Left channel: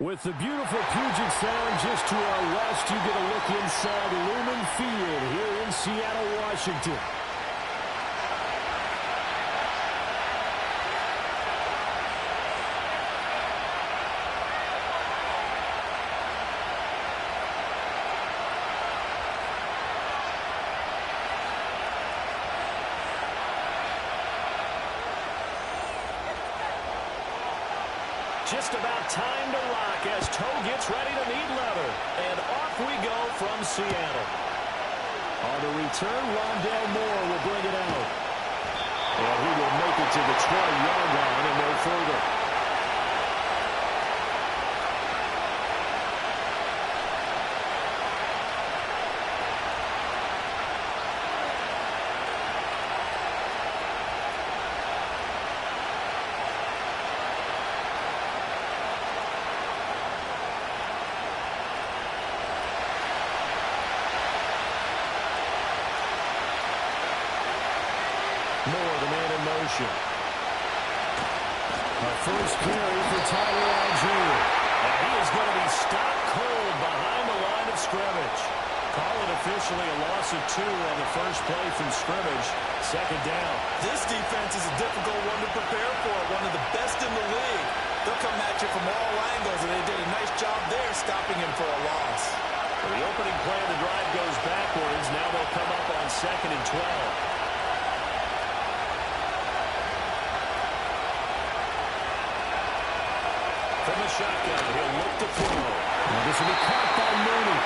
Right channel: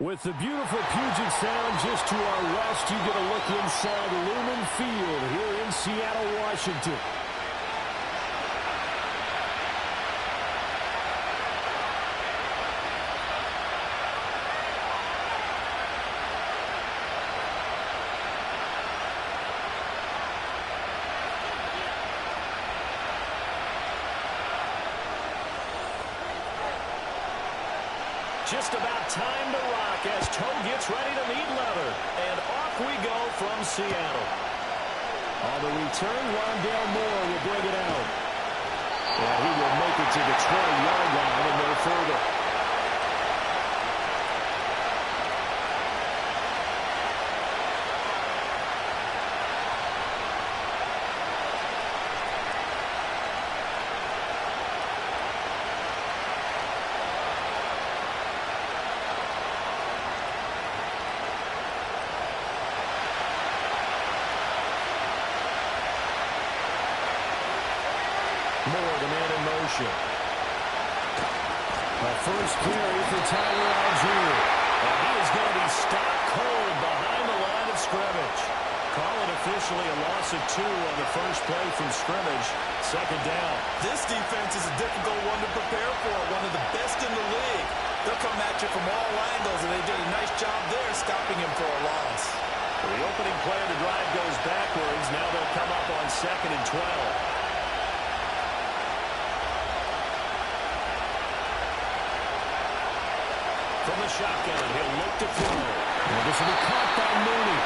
With the beautiful Puget Sound just to our west, you get a look inside Lumen Field here in Seattle, Washington. Just about time to rock as Toe gets ready to meet leather. And off we go from Seattle. On the return, Rondale Moore will bring it out. And he will make it to the 20-yard line and no further. Moore, the man in motion. A first carry for Tyler Algier. And he is going to be stopped cold behind the line of scrimmage. Call it officially a loss of 2 on the first play from scrimmage. Second down. This defense is a difficult one to prepare for. One of the best in the league. They'll come at you from all angles, and they did a nice job there stopping him for a loss. Well, the opening play of the drive goes backwards. Now they'll come up on 2nd and 12. From the shotgun, he'll look to throw. And this will be caught by Mooney.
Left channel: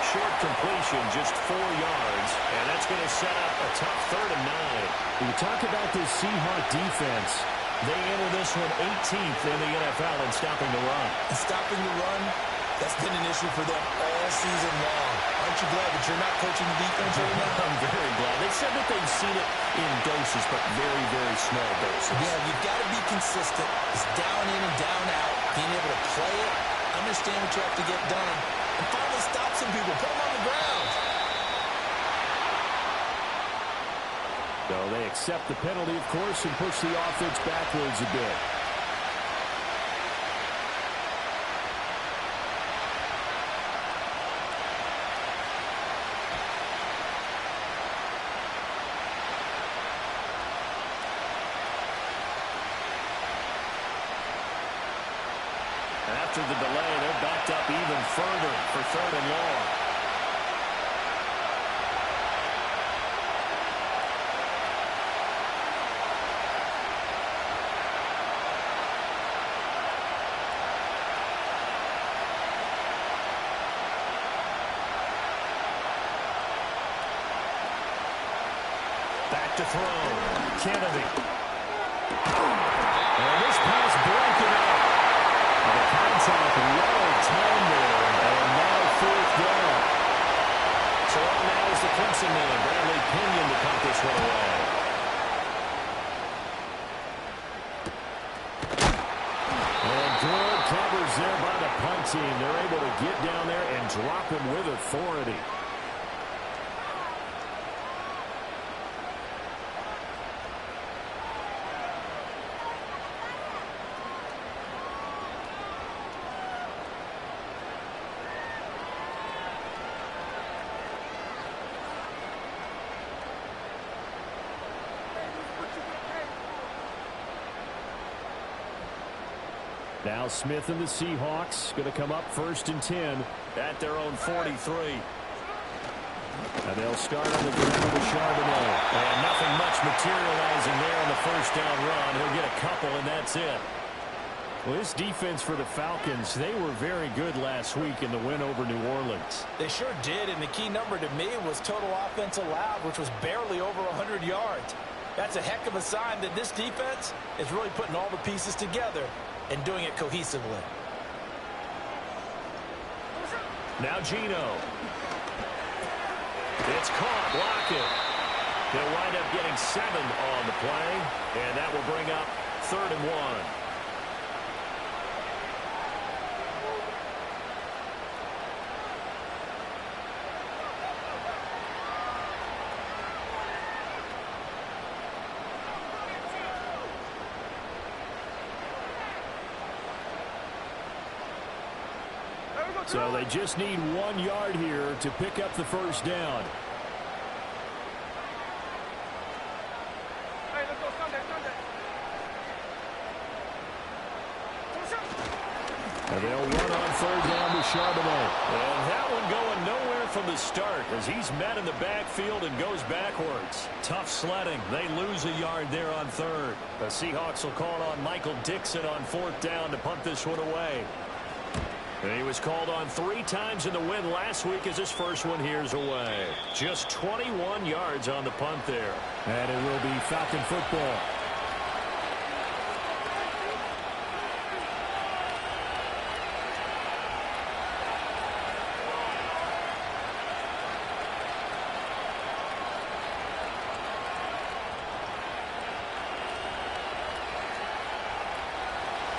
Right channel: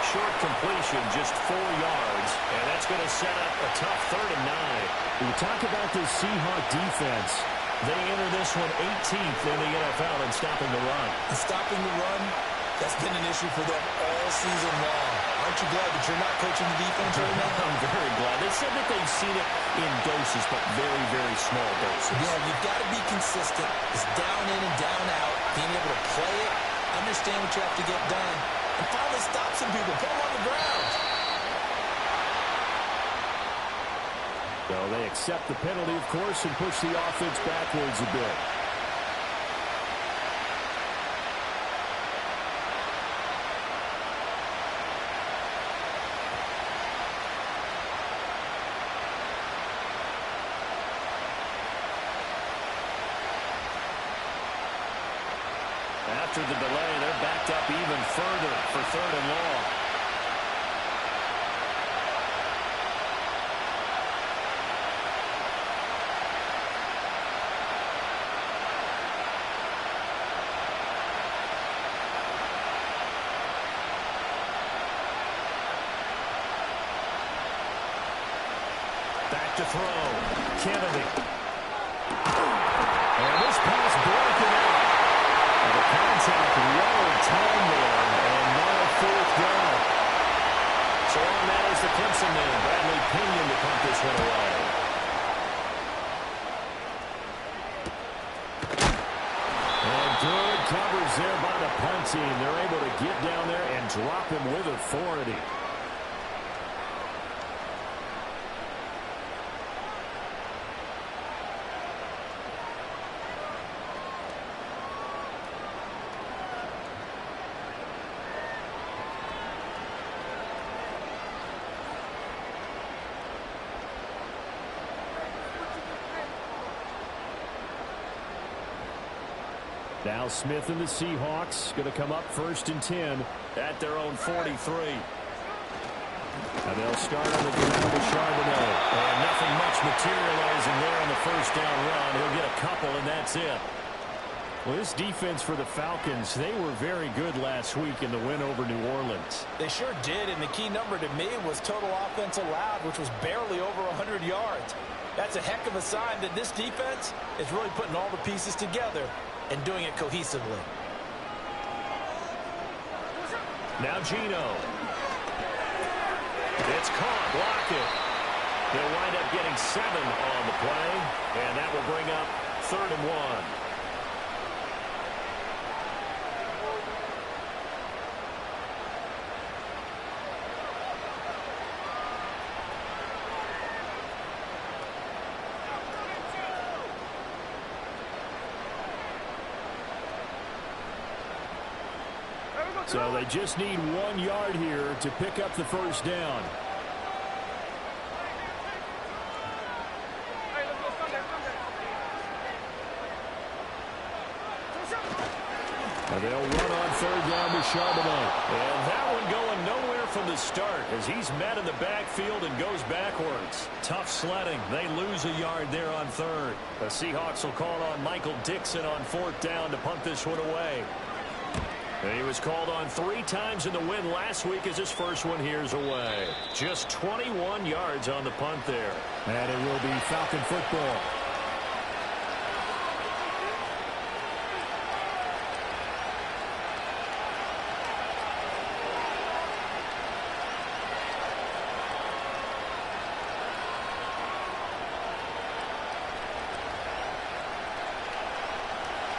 Short completion, just 4 yards. And that's going to set up a tough 3rd and 9. You talk about this Seahawks defense. They enter this one 18th in the NFL in stopping the run. And stopping the run, that's been an issue for them all season long. Aren't you glad that you're not coaching the defense right now? I'm very glad. They said that they've seen it in doses, but very, very small doses. Yeah, you've got to be consistent. It's down in and down out. Being able to play it, understand what you have to get done, and finally stop some people. Put them on the ground. So they accept the penalty, of course, and push the offense backwards a bit. After the delay, they're backed up even further for 3rd and long. Back to throw. Kennedy. And this pass broken up. The contact well timed there, and now 4th down. So on now is the Clemson man, Bradley Pinion, to punt this one away. And good coverage there by the punt team. They're able to get down there and drop him with authority. Now Smith and the Seahawks going to come up 1st and 10 at their own 43. And they'll start on the ground with Charbonnet. And nothing much materializing there on the first down run. He'll get a couple, and that's it. Well, this defense for the Falcons, they were very good last week in the win over New Orleans. They sure did, and the key number to me was total offense allowed, which was barely over 100 yards. That's a heck of a sign that this defense is really putting all the pieces together and doing it cohesively. Now Geno. It's caught. Block it. They'll wind up getting 7 on the play, and that will bring up 3rd and 1. So they just need 1 yard here to pick up the first down. And they'll run on third down with Charbonnet. And that one going nowhere from the start as he's met in the backfield and goes backwards. Tough sledding. They lose a yard there on third. The Seahawks will call on Michael Dixon on fourth down to punt this one away. And he was called on 3 times in the win last week as his first one here's away. Just 21 yards on the punt there. And it will be Falcon football.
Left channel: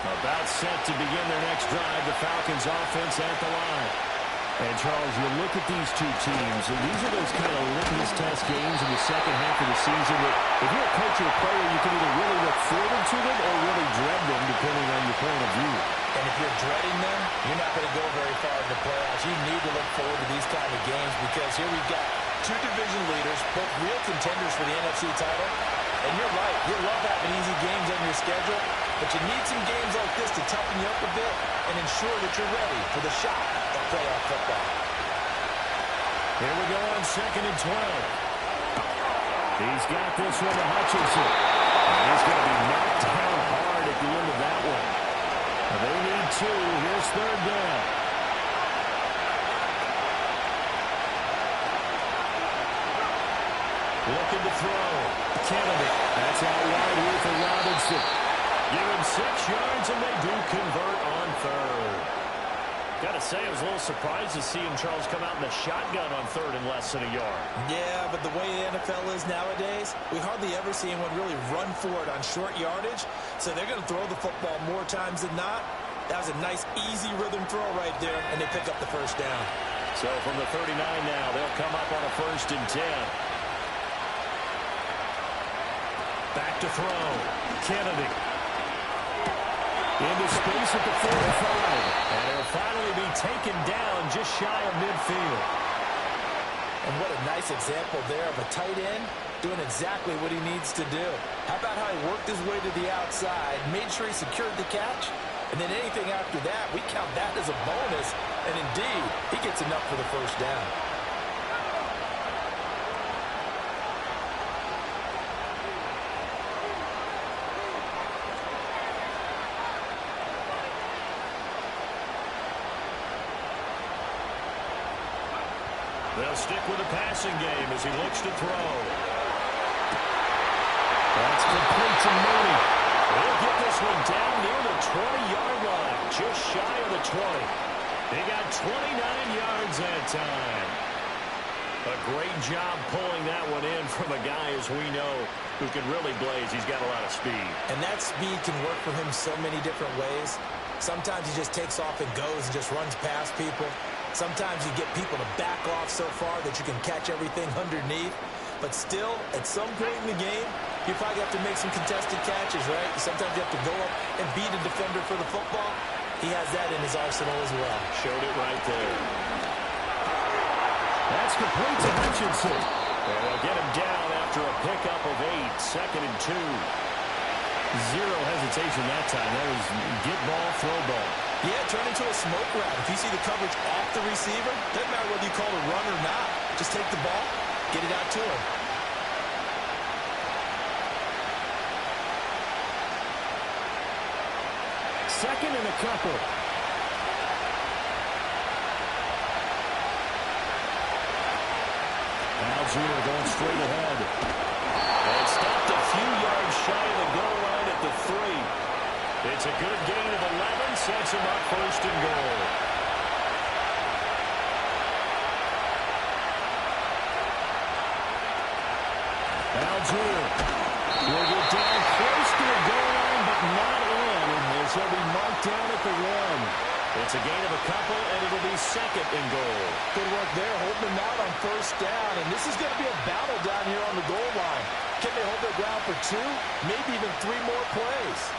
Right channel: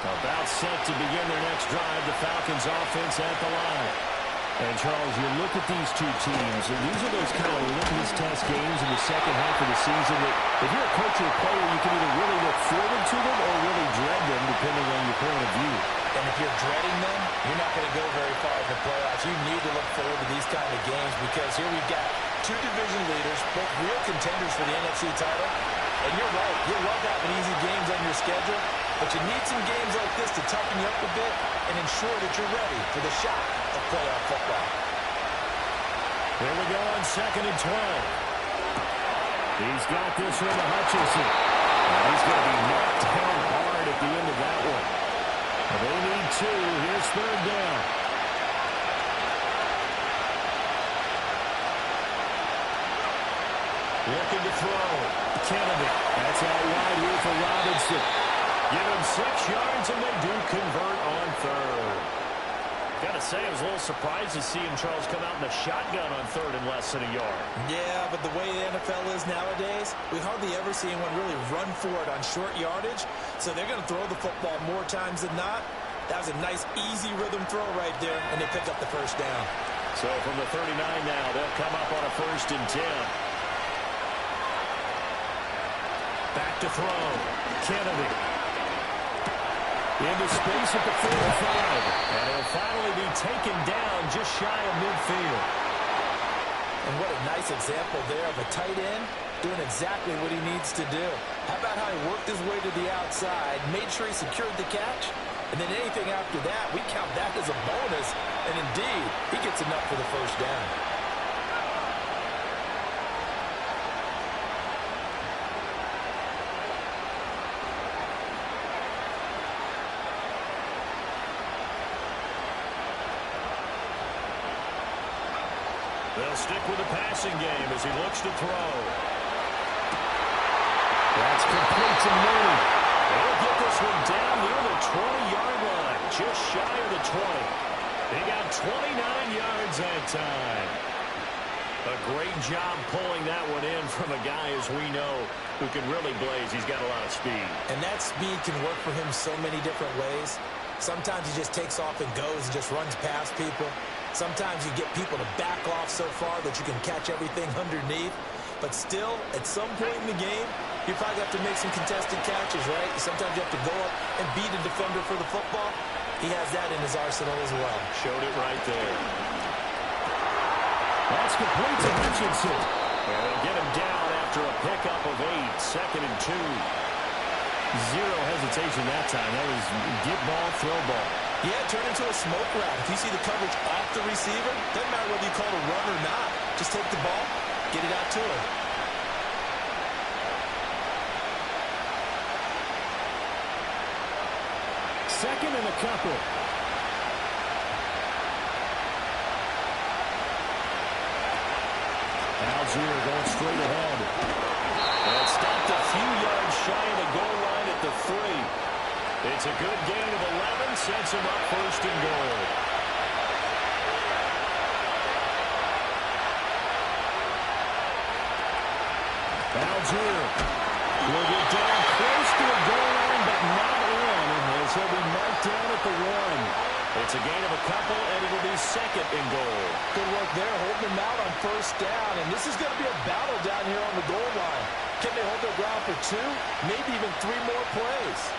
About set to begin their next drive, the Falcons offense at the line. And, Charles, you look at these two teams, and these are those kind of litmus test games in the second half of the season that if you're a coach or a player, you can either really look forward to them or really dread them, depending on your point of view. And if you're dreading them, you're not going to go very far in the playoffs. You need to look forward to these kind of games because here we've got 2 division leaders, both real contenders for the NFC title. And you're right, you love having easy games on your schedule, but you need some games like this to toughen you up a bit and ensure that you're ready for the shock of playoff football. Here we go on 2nd and 12. He's got this one to Hutchinson. And he's going to be knocked down hard at the end of that one. They need 2. Here's third down. Looking to throw. Kennedy. That's out wide here for Robinson. Give him 6 yards, and they do convert on third. Got to say, I was a little surprised to see him, Charles, come out in the shotgun on third in less than a yard. Yeah, but the way the NFL is nowadays, we hardly ever see anyone really run for it on short yardage. So they're going to throw the football more times than not. That was a nice, easy rhythm throw right there, and they pick up the first down. So from the 39 now, they'll come up on a 1st and 10. Back to throw. Kennedy. Into space at the 45. And he'll finally be taken down just shy of midfield. And what a nice example there of a tight end doing exactly what he needs to do. How about how he worked his way to the outside, made sure he secured the catch, and then anything after that, we count that as a bonus. And indeed, he gets enough for the first down. They'll stick with the passing game as he looks to throw. That's complete to Mooney. He'll get this one down near the 20-yard line, just shy of the 20. He got 29 yards that time. A great job pulling that one in from a guy, as we know, who can really blaze. He's got a lot of speed. And that speed can work for him so many different ways. Sometimes he just takes off and goes and just runs past people. Sometimes you get people to back off so far that you can catch everything underneath. But still, at some point in the game, you probably have to make some contested catches, right? Sometimes you have to go up and beat a defender for the football. He has that in his arsenal as well. Showed it right there. That's complete to Hutchinson. And they'll get him down after a pickup of 8, 2nd and 2. Zero hesitation that time. That was get ball, throw ball. Yeah, turn into a smoke route. If you see the coverage off the receiver, doesn't matter whether you call it a run or not. Just take the ball, get it out to him. Second and a couple. Algier going straight ahead. And stopped a few yards shy of the goal line at the 3. It's a good gain of 11, sets him up 1st and goal. Algier will get down close to the goal line, but not in, as he'll be marked down at the 1. It's a gain of a couple, and it'll be 2nd and goal. Good work there, holding them out on 1st down, and this is going to be a battle down here on the goal line. Can they hold their ground for 2, maybe even 3 more plays?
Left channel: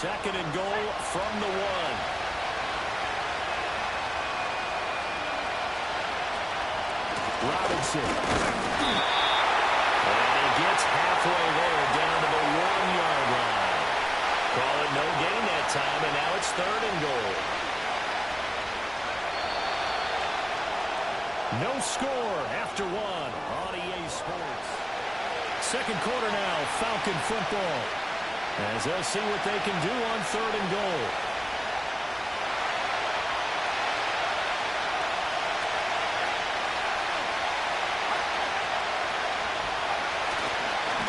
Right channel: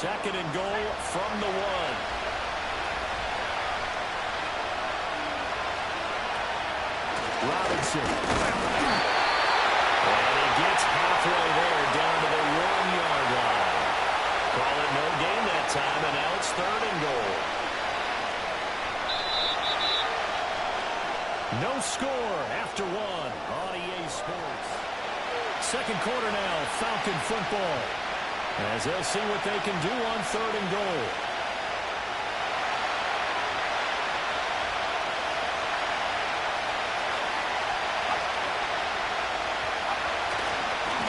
second and goal from the 1. Robinson. And he gets halfway there down to the 1-yard line. Call it no gain that time, and now it's third and goal. No score after 1 on EA Sports. Second quarter now, Falcon football, as they'll see what they can do on third and goal.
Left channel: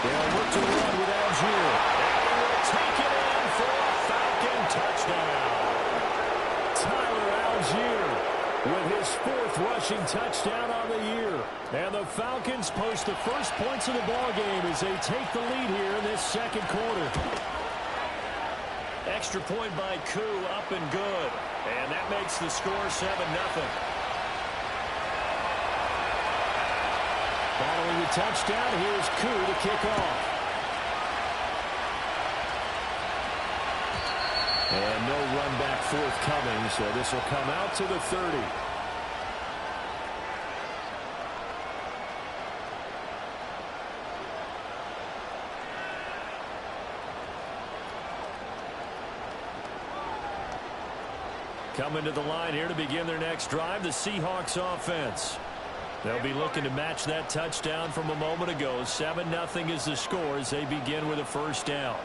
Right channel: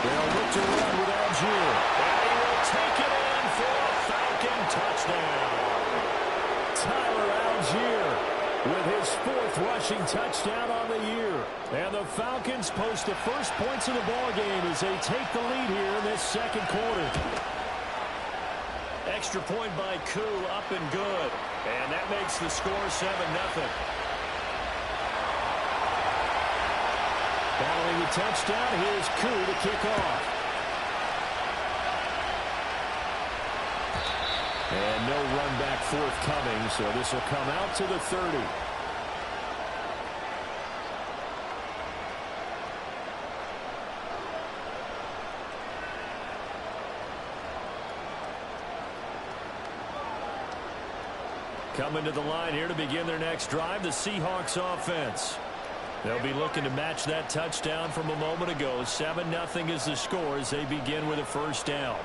They'll look to run with Algier. And he will take it in for a Falcon touchdown. Tyler Algier with his 4th rushing touchdown on the year. And the Falcons post the first points of the ball game as they take the lead here in this second quarter. Extra point by Koo, up and good. And that makes the score 7-0. Following the touchdown, here's Koo to kick off. And no run back forthcoming, so this will come out to the 30. Coming to the line here to begin their next drive, the Seahawks offense. They'll be looking to match that touchdown from a moment ago. 7-0 is the score as they begin with a first down.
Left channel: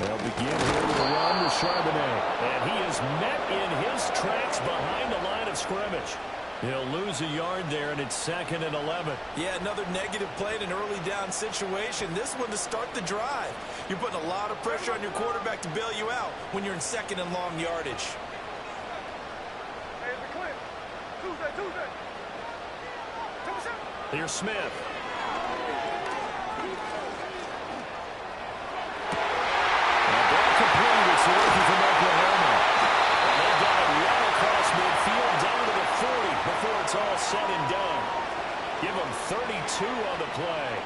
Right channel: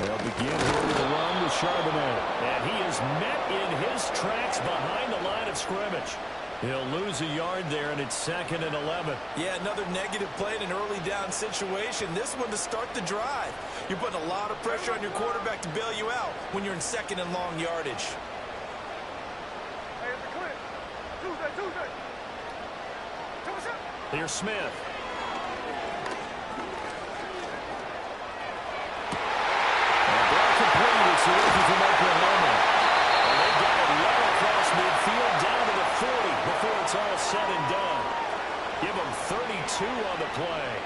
They'll begin here with a run with Charbonnet. And he is met in his tracks behind the line of scrimmage. He'll lose a yard there, and it's 2nd and 11. Yeah, another negative play in an early down situation. This one to start the drive. You're putting a lot of pressure on your quarterback to bail you out when you're in 2nd and long yardage. Hey, it's a clip. Tuesday. Here's Smith. Ball complete. It's the rookie from Oklahoma. And they've got it well across midfield down to the 40 before it's all said and done. Give them 32 on the play.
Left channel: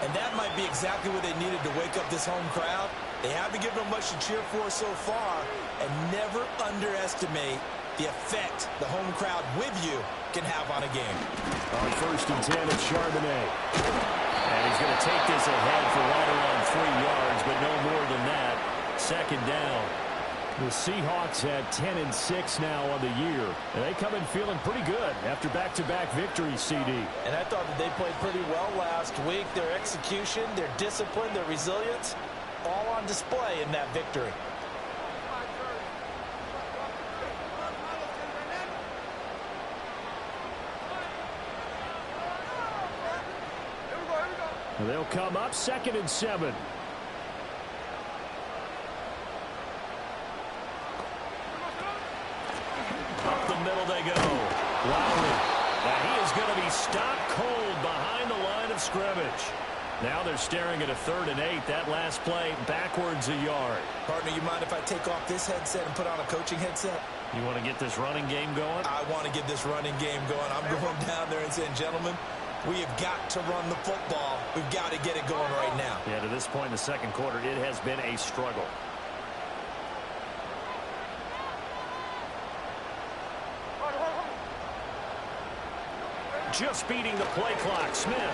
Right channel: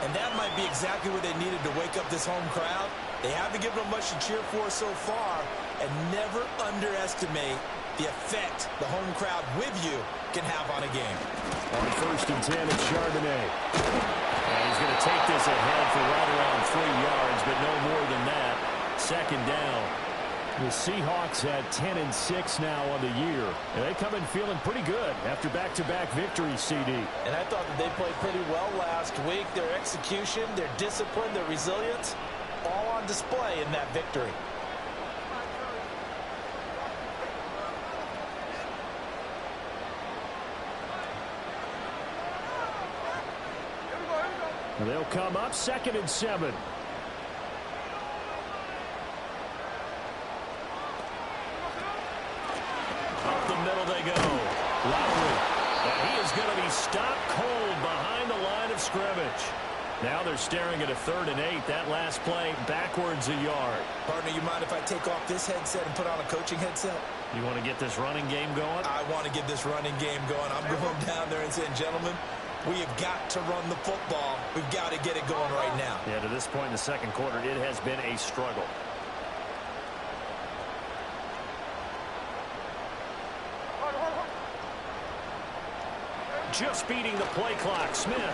And that might be exactly what they needed to wake up this home crowd. They haven't given them much to cheer for so far. And never underestimate the effect the home crowd with you can have on a game. On 1st and 10, it's Charbonnet. And he's going to take this ahead for right around 3 yards, but no more than that. 2nd down. The Seahawks had 10-6 now on the year, and they come in feeling pretty good after back-to-back victories, CD. And I thought that they played pretty well last week. Their execution, their discipline, their resilience, all on display in that victory. They'll come up 2nd and 7. Up the middle they go. Lowry. And he is going to be stopped cold behind the line of scrimmage. Now they're staring at a 3rd and 8. That last play backwards a yard. Partner, you mind if I take off this headset and put on a coaching headset? You want to get this running game going? I want to get this running game going. I'm going down there and saying, gentlemen, we have got to run the football. We've got to get it going right now. Yeah, to this point in the second quarter, it has been a struggle. Just beating the play clock. Smith. It's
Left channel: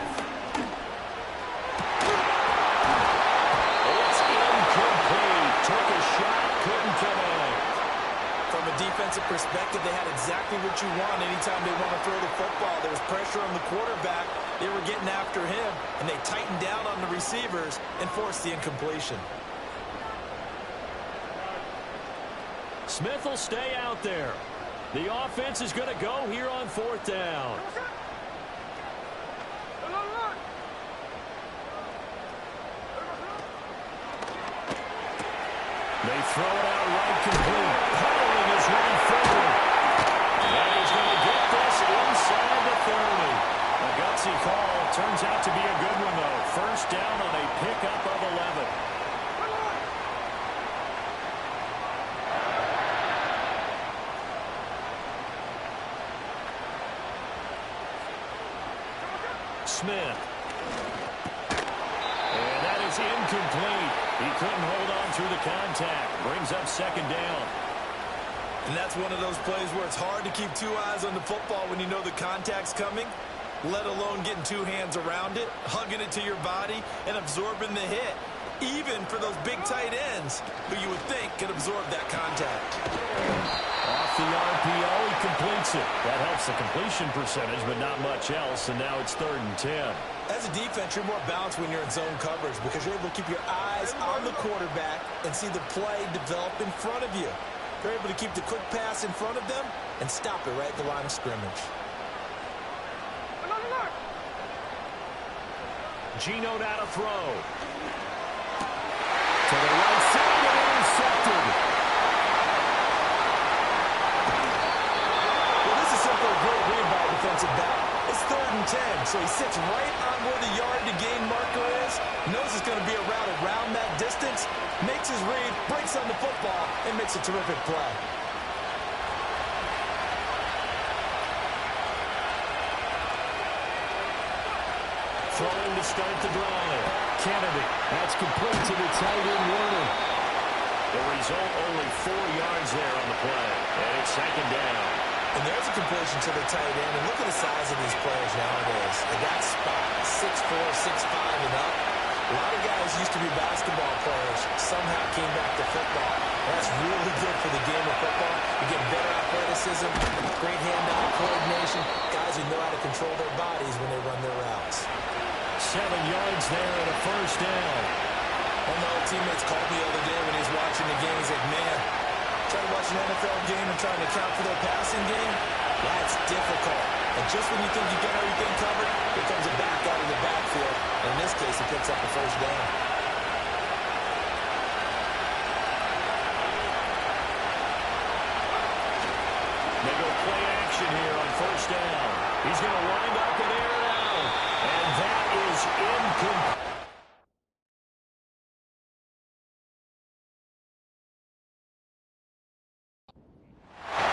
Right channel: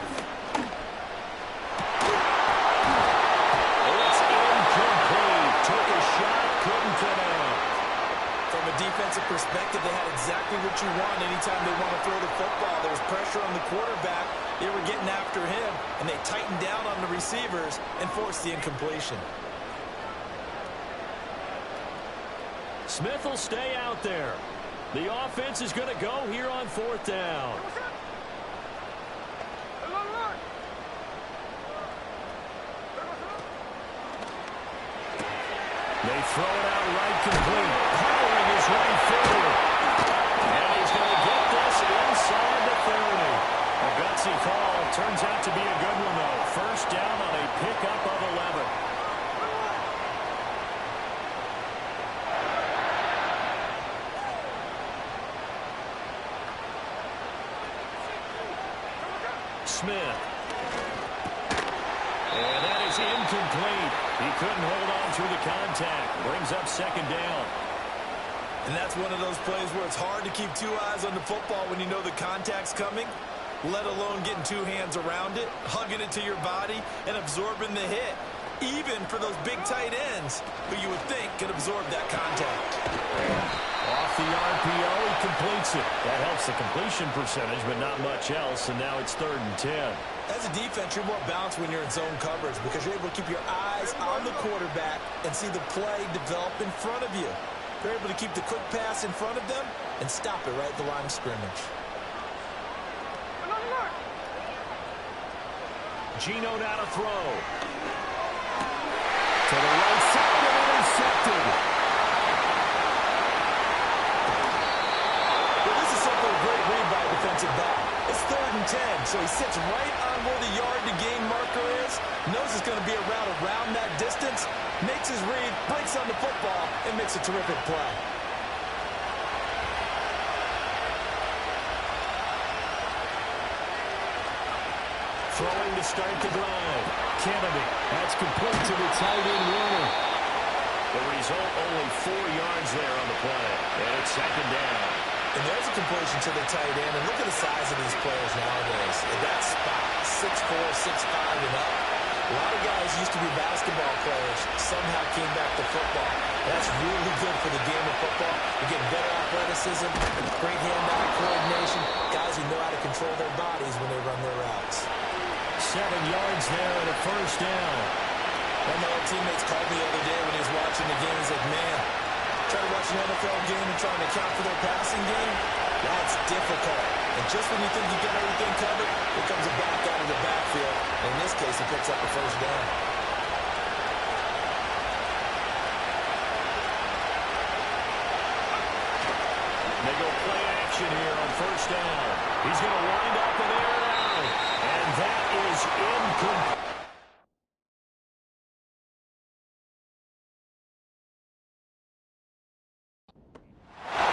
incomplete. Took a shot, couldn't connect. From a defensive perspective, they had exactly what you want anytime they want to throw the football. There was pressure on the quarterback. They were getting after him, and they tightened down on the receivers and forced the incompletion. Smith will stay out there. The offense is going to go here on 4th down. They throw it out right complete. Powering his way forward. And he's going to get this inside the 30. A gutsy call. Turns out to be a good one, though. First down on a pickup of 11. Smith. And that is incomplete. He couldn't hold on through the contact. Brings up second down. And that's one of those plays where it's hard to keep two eyes on the football when you know the contact's coming, let alone getting two hands around it, hugging it to your body, and absorbing the hit. Even for those big tight ends who you would think could absorb that contact. Off the RPO, he completes it. That helps the completion percentage, but not much else, and now it's 3rd and 10. As a defense, you're more balanced when you're in zone coverage because you're able to keep your eyes on the quarterback and see the play develop in front of you. They're able to keep the quick pass in front of them and stop it right at the line of scrimmage. Geno now to throw. To the right side and intercepted. Well, this is simply a great read by a defensive back. It's 3rd and 10, so he sits right on where the yard to gain marker is, knows it's going to be a route around that distance, makes his read, breaks on the football, and makes a terrific play. Throwing to start the drive. Kennedy. That's complete to the tight end Warner. The result, only 4 yards there on the play. And it's 2nd down. And there's a completion to the tight end. And look at the size of these players nowadays. At that spot, 6'4", 6'5", and up. A lot of guys used to be basketball players, somehow came back to football. That's really good for the game of football. You get better athleticism, great hand-eye coordination, guys who know how to control their bodies when they run their routes. 7 yards there and a 1st down. And my old teammates called me the other day when he was watching the game. He's like, man, trying to watch an NFL game and trying to account for their passing game, that's difficult. And just when you think you get everything covered, here comes a back out of the backfield. And in this case, he picks up a 1st down. They go play action here on 1st down. He's going to wind up and air it out. And that is incomplete.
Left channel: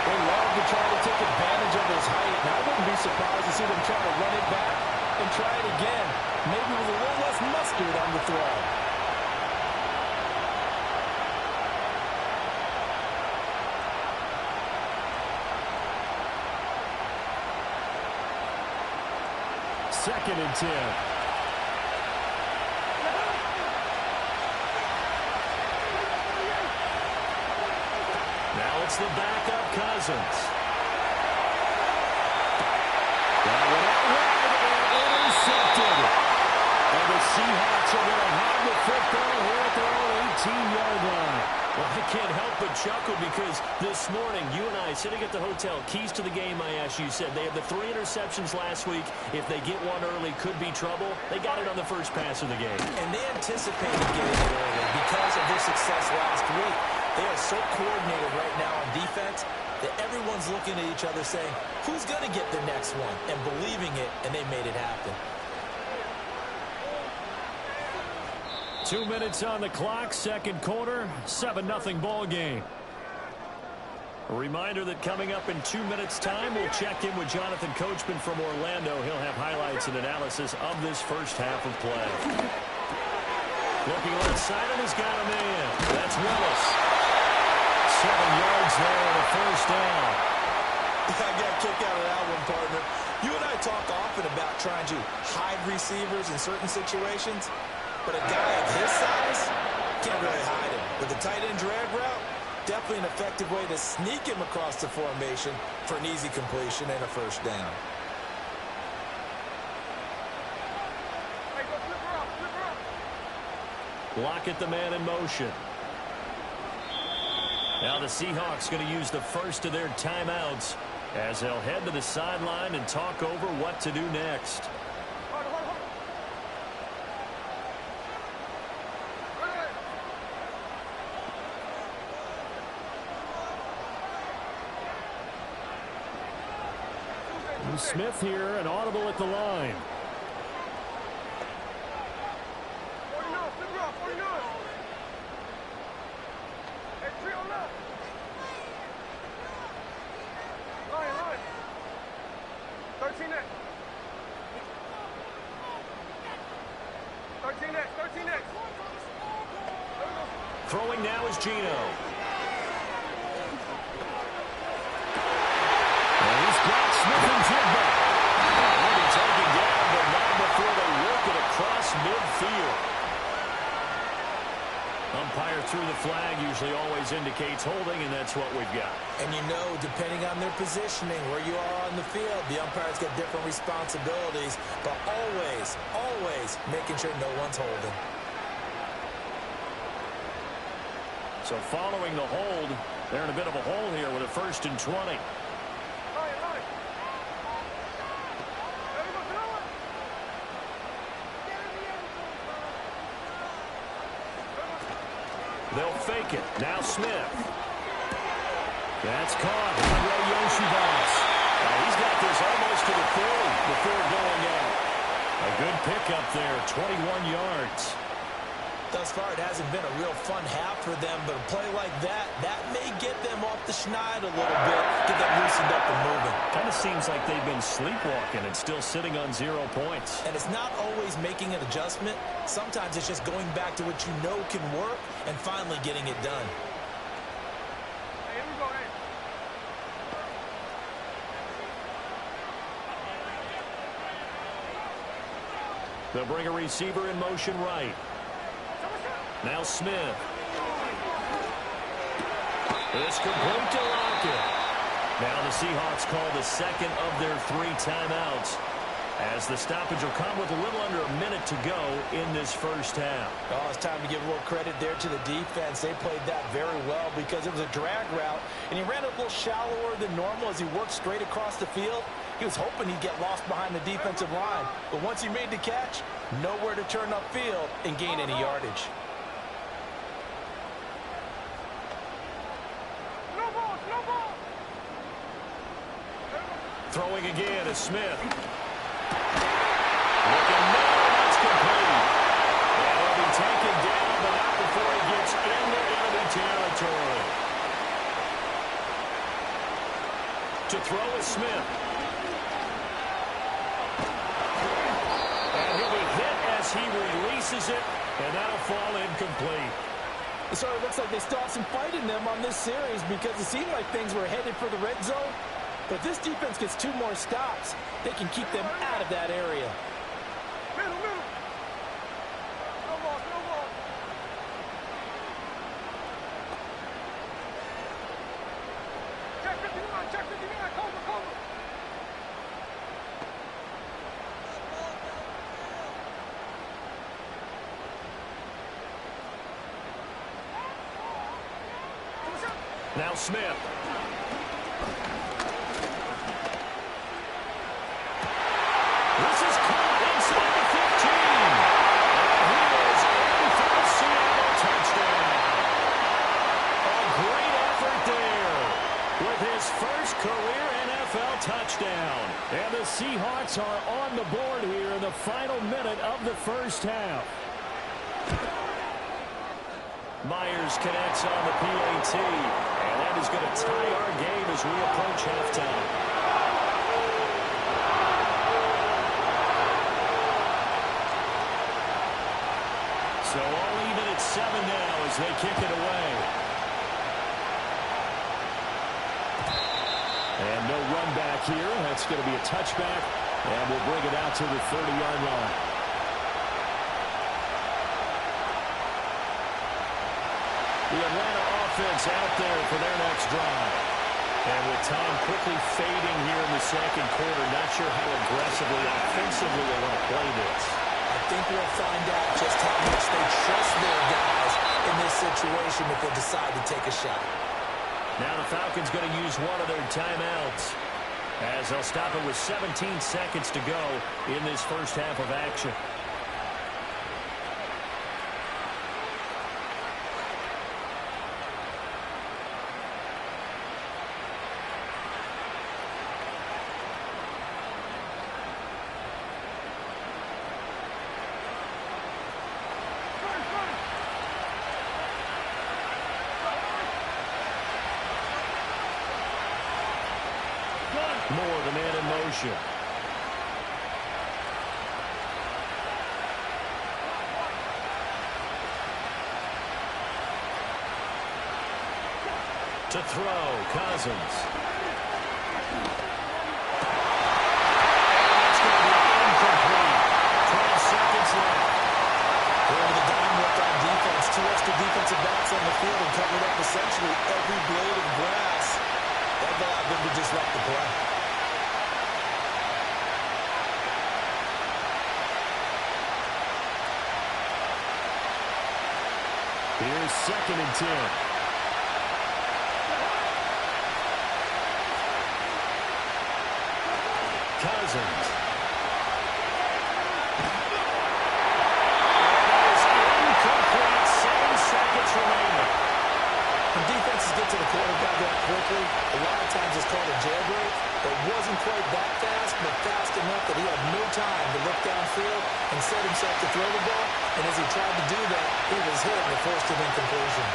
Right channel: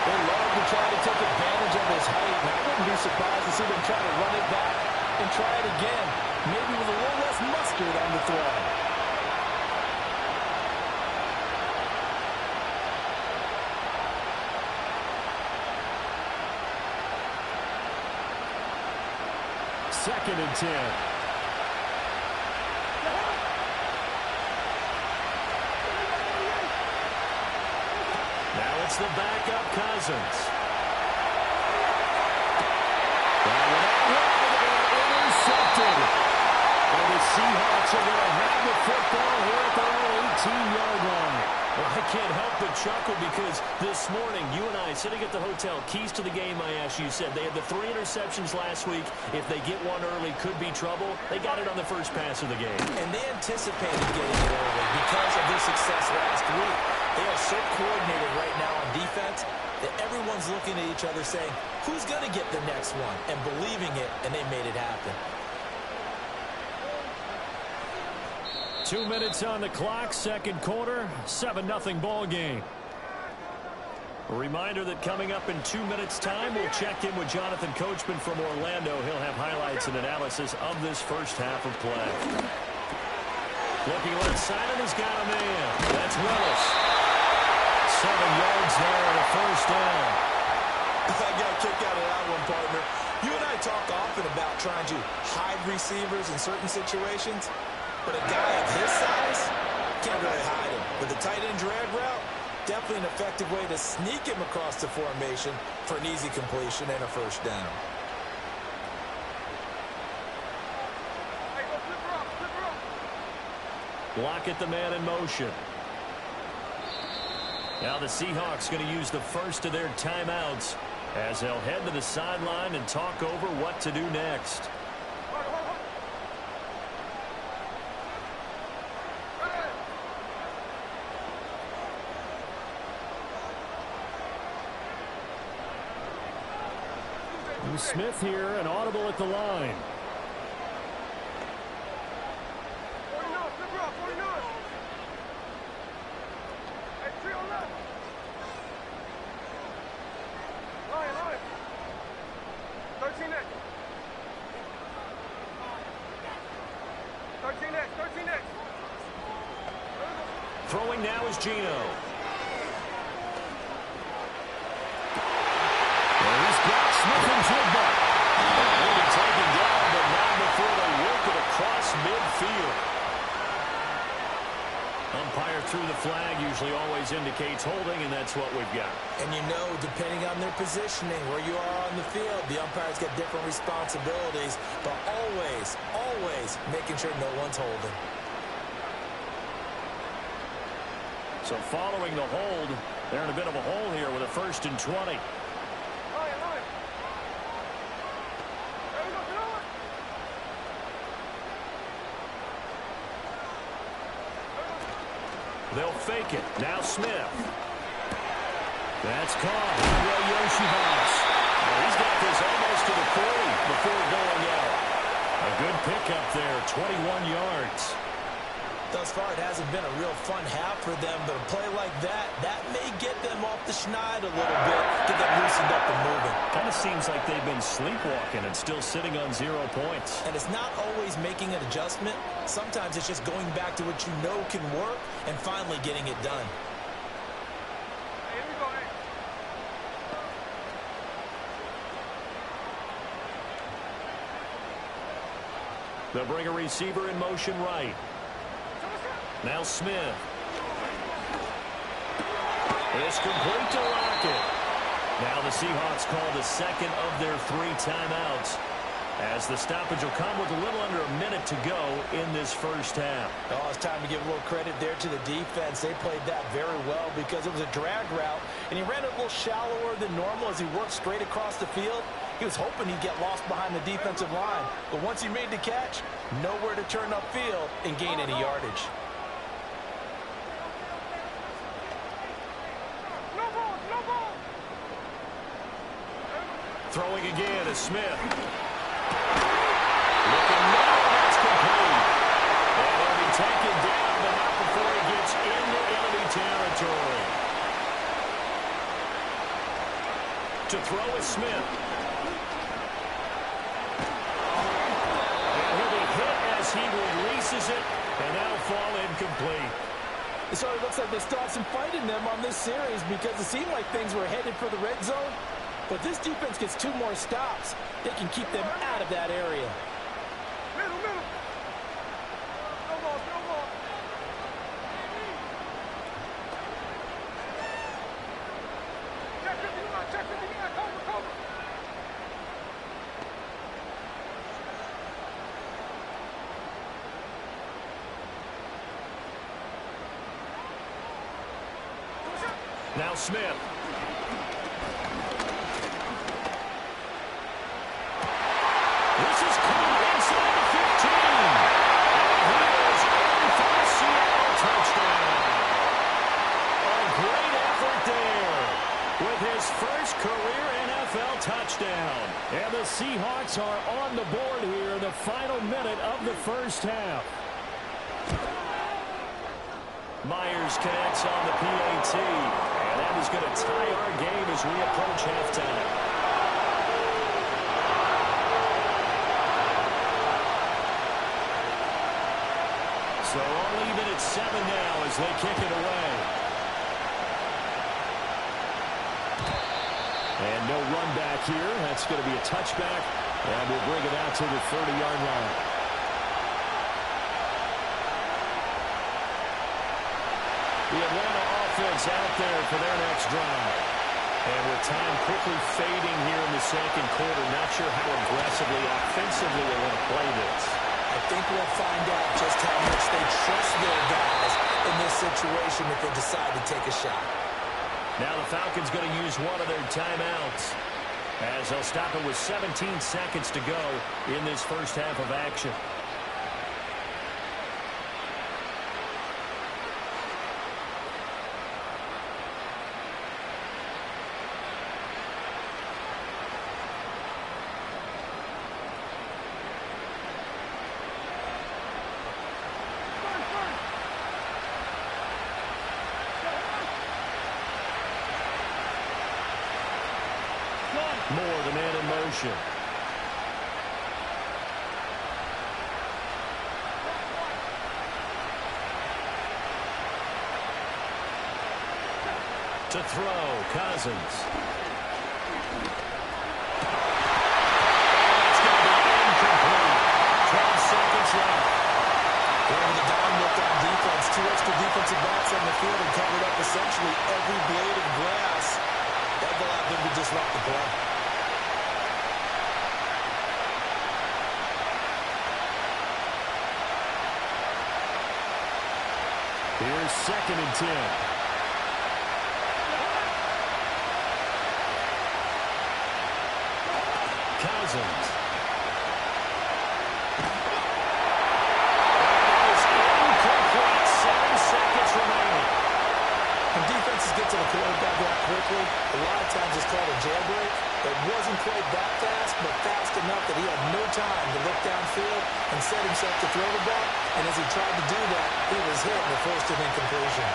They love to try to take advantage of his height, and I wouldn't be surprised to see them try to run it back and try it again, maybe with a little less mustard on the throw. Second and 10. Now it's the backup Cousins. That went out wide and intercepted. And the Seahawks are going to have the football here at their own 18-yard line. Well, I can't help but chuckle because this morning, you and I, sitting at the hotel, keys to the game, I asked you, said they had the 3 interceptions last week. If they get one early, could be trouble. They got it on the first pass of the game. And they anticipated getting it early because of their success last week. They are so coordinated right now on defense that everyone's looking at each other saying, who's going to get the next one? And believing it, and they made it happen. 2 minutes on the clock, second quarter, 7-0 ball game. A reminder that coming up in 2 minutes' time, we'll check in with Jonathan Coachman from Orlando. He'll have highlights and analysis of this first half of play. Looking left side, and he's got a man. That's Willis. 7 yards there and a 1st down. I got a kick out of that one, partner. You and I talk often about trying to hide receivers in certain situations. But a guy of his size can't really hide him. With a tight end drag route, definitely an effective way to sneak him across the formation for an easy completion and a 1st down. Hey, go flip her up, flip her up. Block at the man in motion. Now the Seahawks going to use the first of their timeouts as they'll head to the sideline and talk over what to do next. Hold on, hold on. Smith here, an audible at the line. 49, flip her up, 49. Hey, 3 on left. Line. 13 next. 13X, 13X. Throwing now is Gino. And he's got Smith and Jigba. And he'll be taken down, but not before they work it across midfield. Umpire threw the flag, usually always indicates holding, and that's what we've got. And you know, depending on their positioning, where you are on the field, the umpire's got different responsibilities, but always, always making sure no one's holding. So following the hold, they're in a bit of a hole here with a 1st and 20. Line. There we go, throw it. They'll fake it. Now Smith. That's caught. Andre Yoshibas. He's got this almost to the 40 before going out. A good pickup there, 21 yards. Thus far, it hasn't been a real fun half for them, but a play like that may get them off the schneid a little bit, get them loosened up and moving. Kind of seems like they've been sleepwalking and still sitting on 0 points. And it's not always making an adjustment. Sometimes it's just going back to what you know can work and finally getting it done. Hey, here we go, hey. They'll bring a receiver in motion right. Now Smith. It's complete to Lockett. Now the Seahawks call the second of their 3 timeouts, as the stoppage will come with a little under a minute to go in this first half. Oh, it's time to give a little credit there to the defense. They played that very well because it was a drag route, and he ran it a little shallower than normal as he worked straight across the field. He was hoping he'd get lost behind the defensive line, but once he made the catch, nowhere to turn upfield and gain any yardage. No ball. Throwing again is Smith. Looking now, that's complete. And he'll be taken down, but not before he gets into enemy territory. To throw is Smith. And he'll be hit as he releases it, and that'll fall incomplete. So it looks like they still have some fight in them on this series because it seemed like things were headed for the red zone. But this defense gets 2 more stops. They can keep them out of that area. Middle. No ball. Check 59, cover. Now Smith. This is caught inside the 15. And he is in for the Seattle touchdown. A great effort there with his first career NFL touchdown. And the Seahawks are on the board here in the final minute of the first half. Myers connects on the PAT, and that is going to tie our game as we approach halftime. So all even at 7 now as they kick it away. And no run back here. That's going to be a touchback, and we'll bring it out to the 30-yard line. The Atlanta offense out there for their next drive. And with time quickly fading here in the second quarter, not sure how aggressively, offensively they want to play this. I think we'll find out just how much they trust their guys in this situation if they decide to take a shot. Now the Falcons going to use one of their timeouts, as they'll stop it with 17 seconds to go in this first half of action. Moore, the man in motion. To throw, Cousins. And it's going to be incomplete. 12 seconds left. Over the dime look on defense. 2 extra defensive backs on the field and covered up essentially every blade of grass. That allowed them to disrupt the play. Here's 2nd and 10. Cousins. And it is incomplete. 7 seconds remaining. When defenses get to the quarterback that quickly, a lot of times it's called a jailbreak. It wasn't quite that fast, but fast enough that he had no time to look downfield and set himself to throw the ball. And as he tried to do that, he was hit and it forced an incompletion.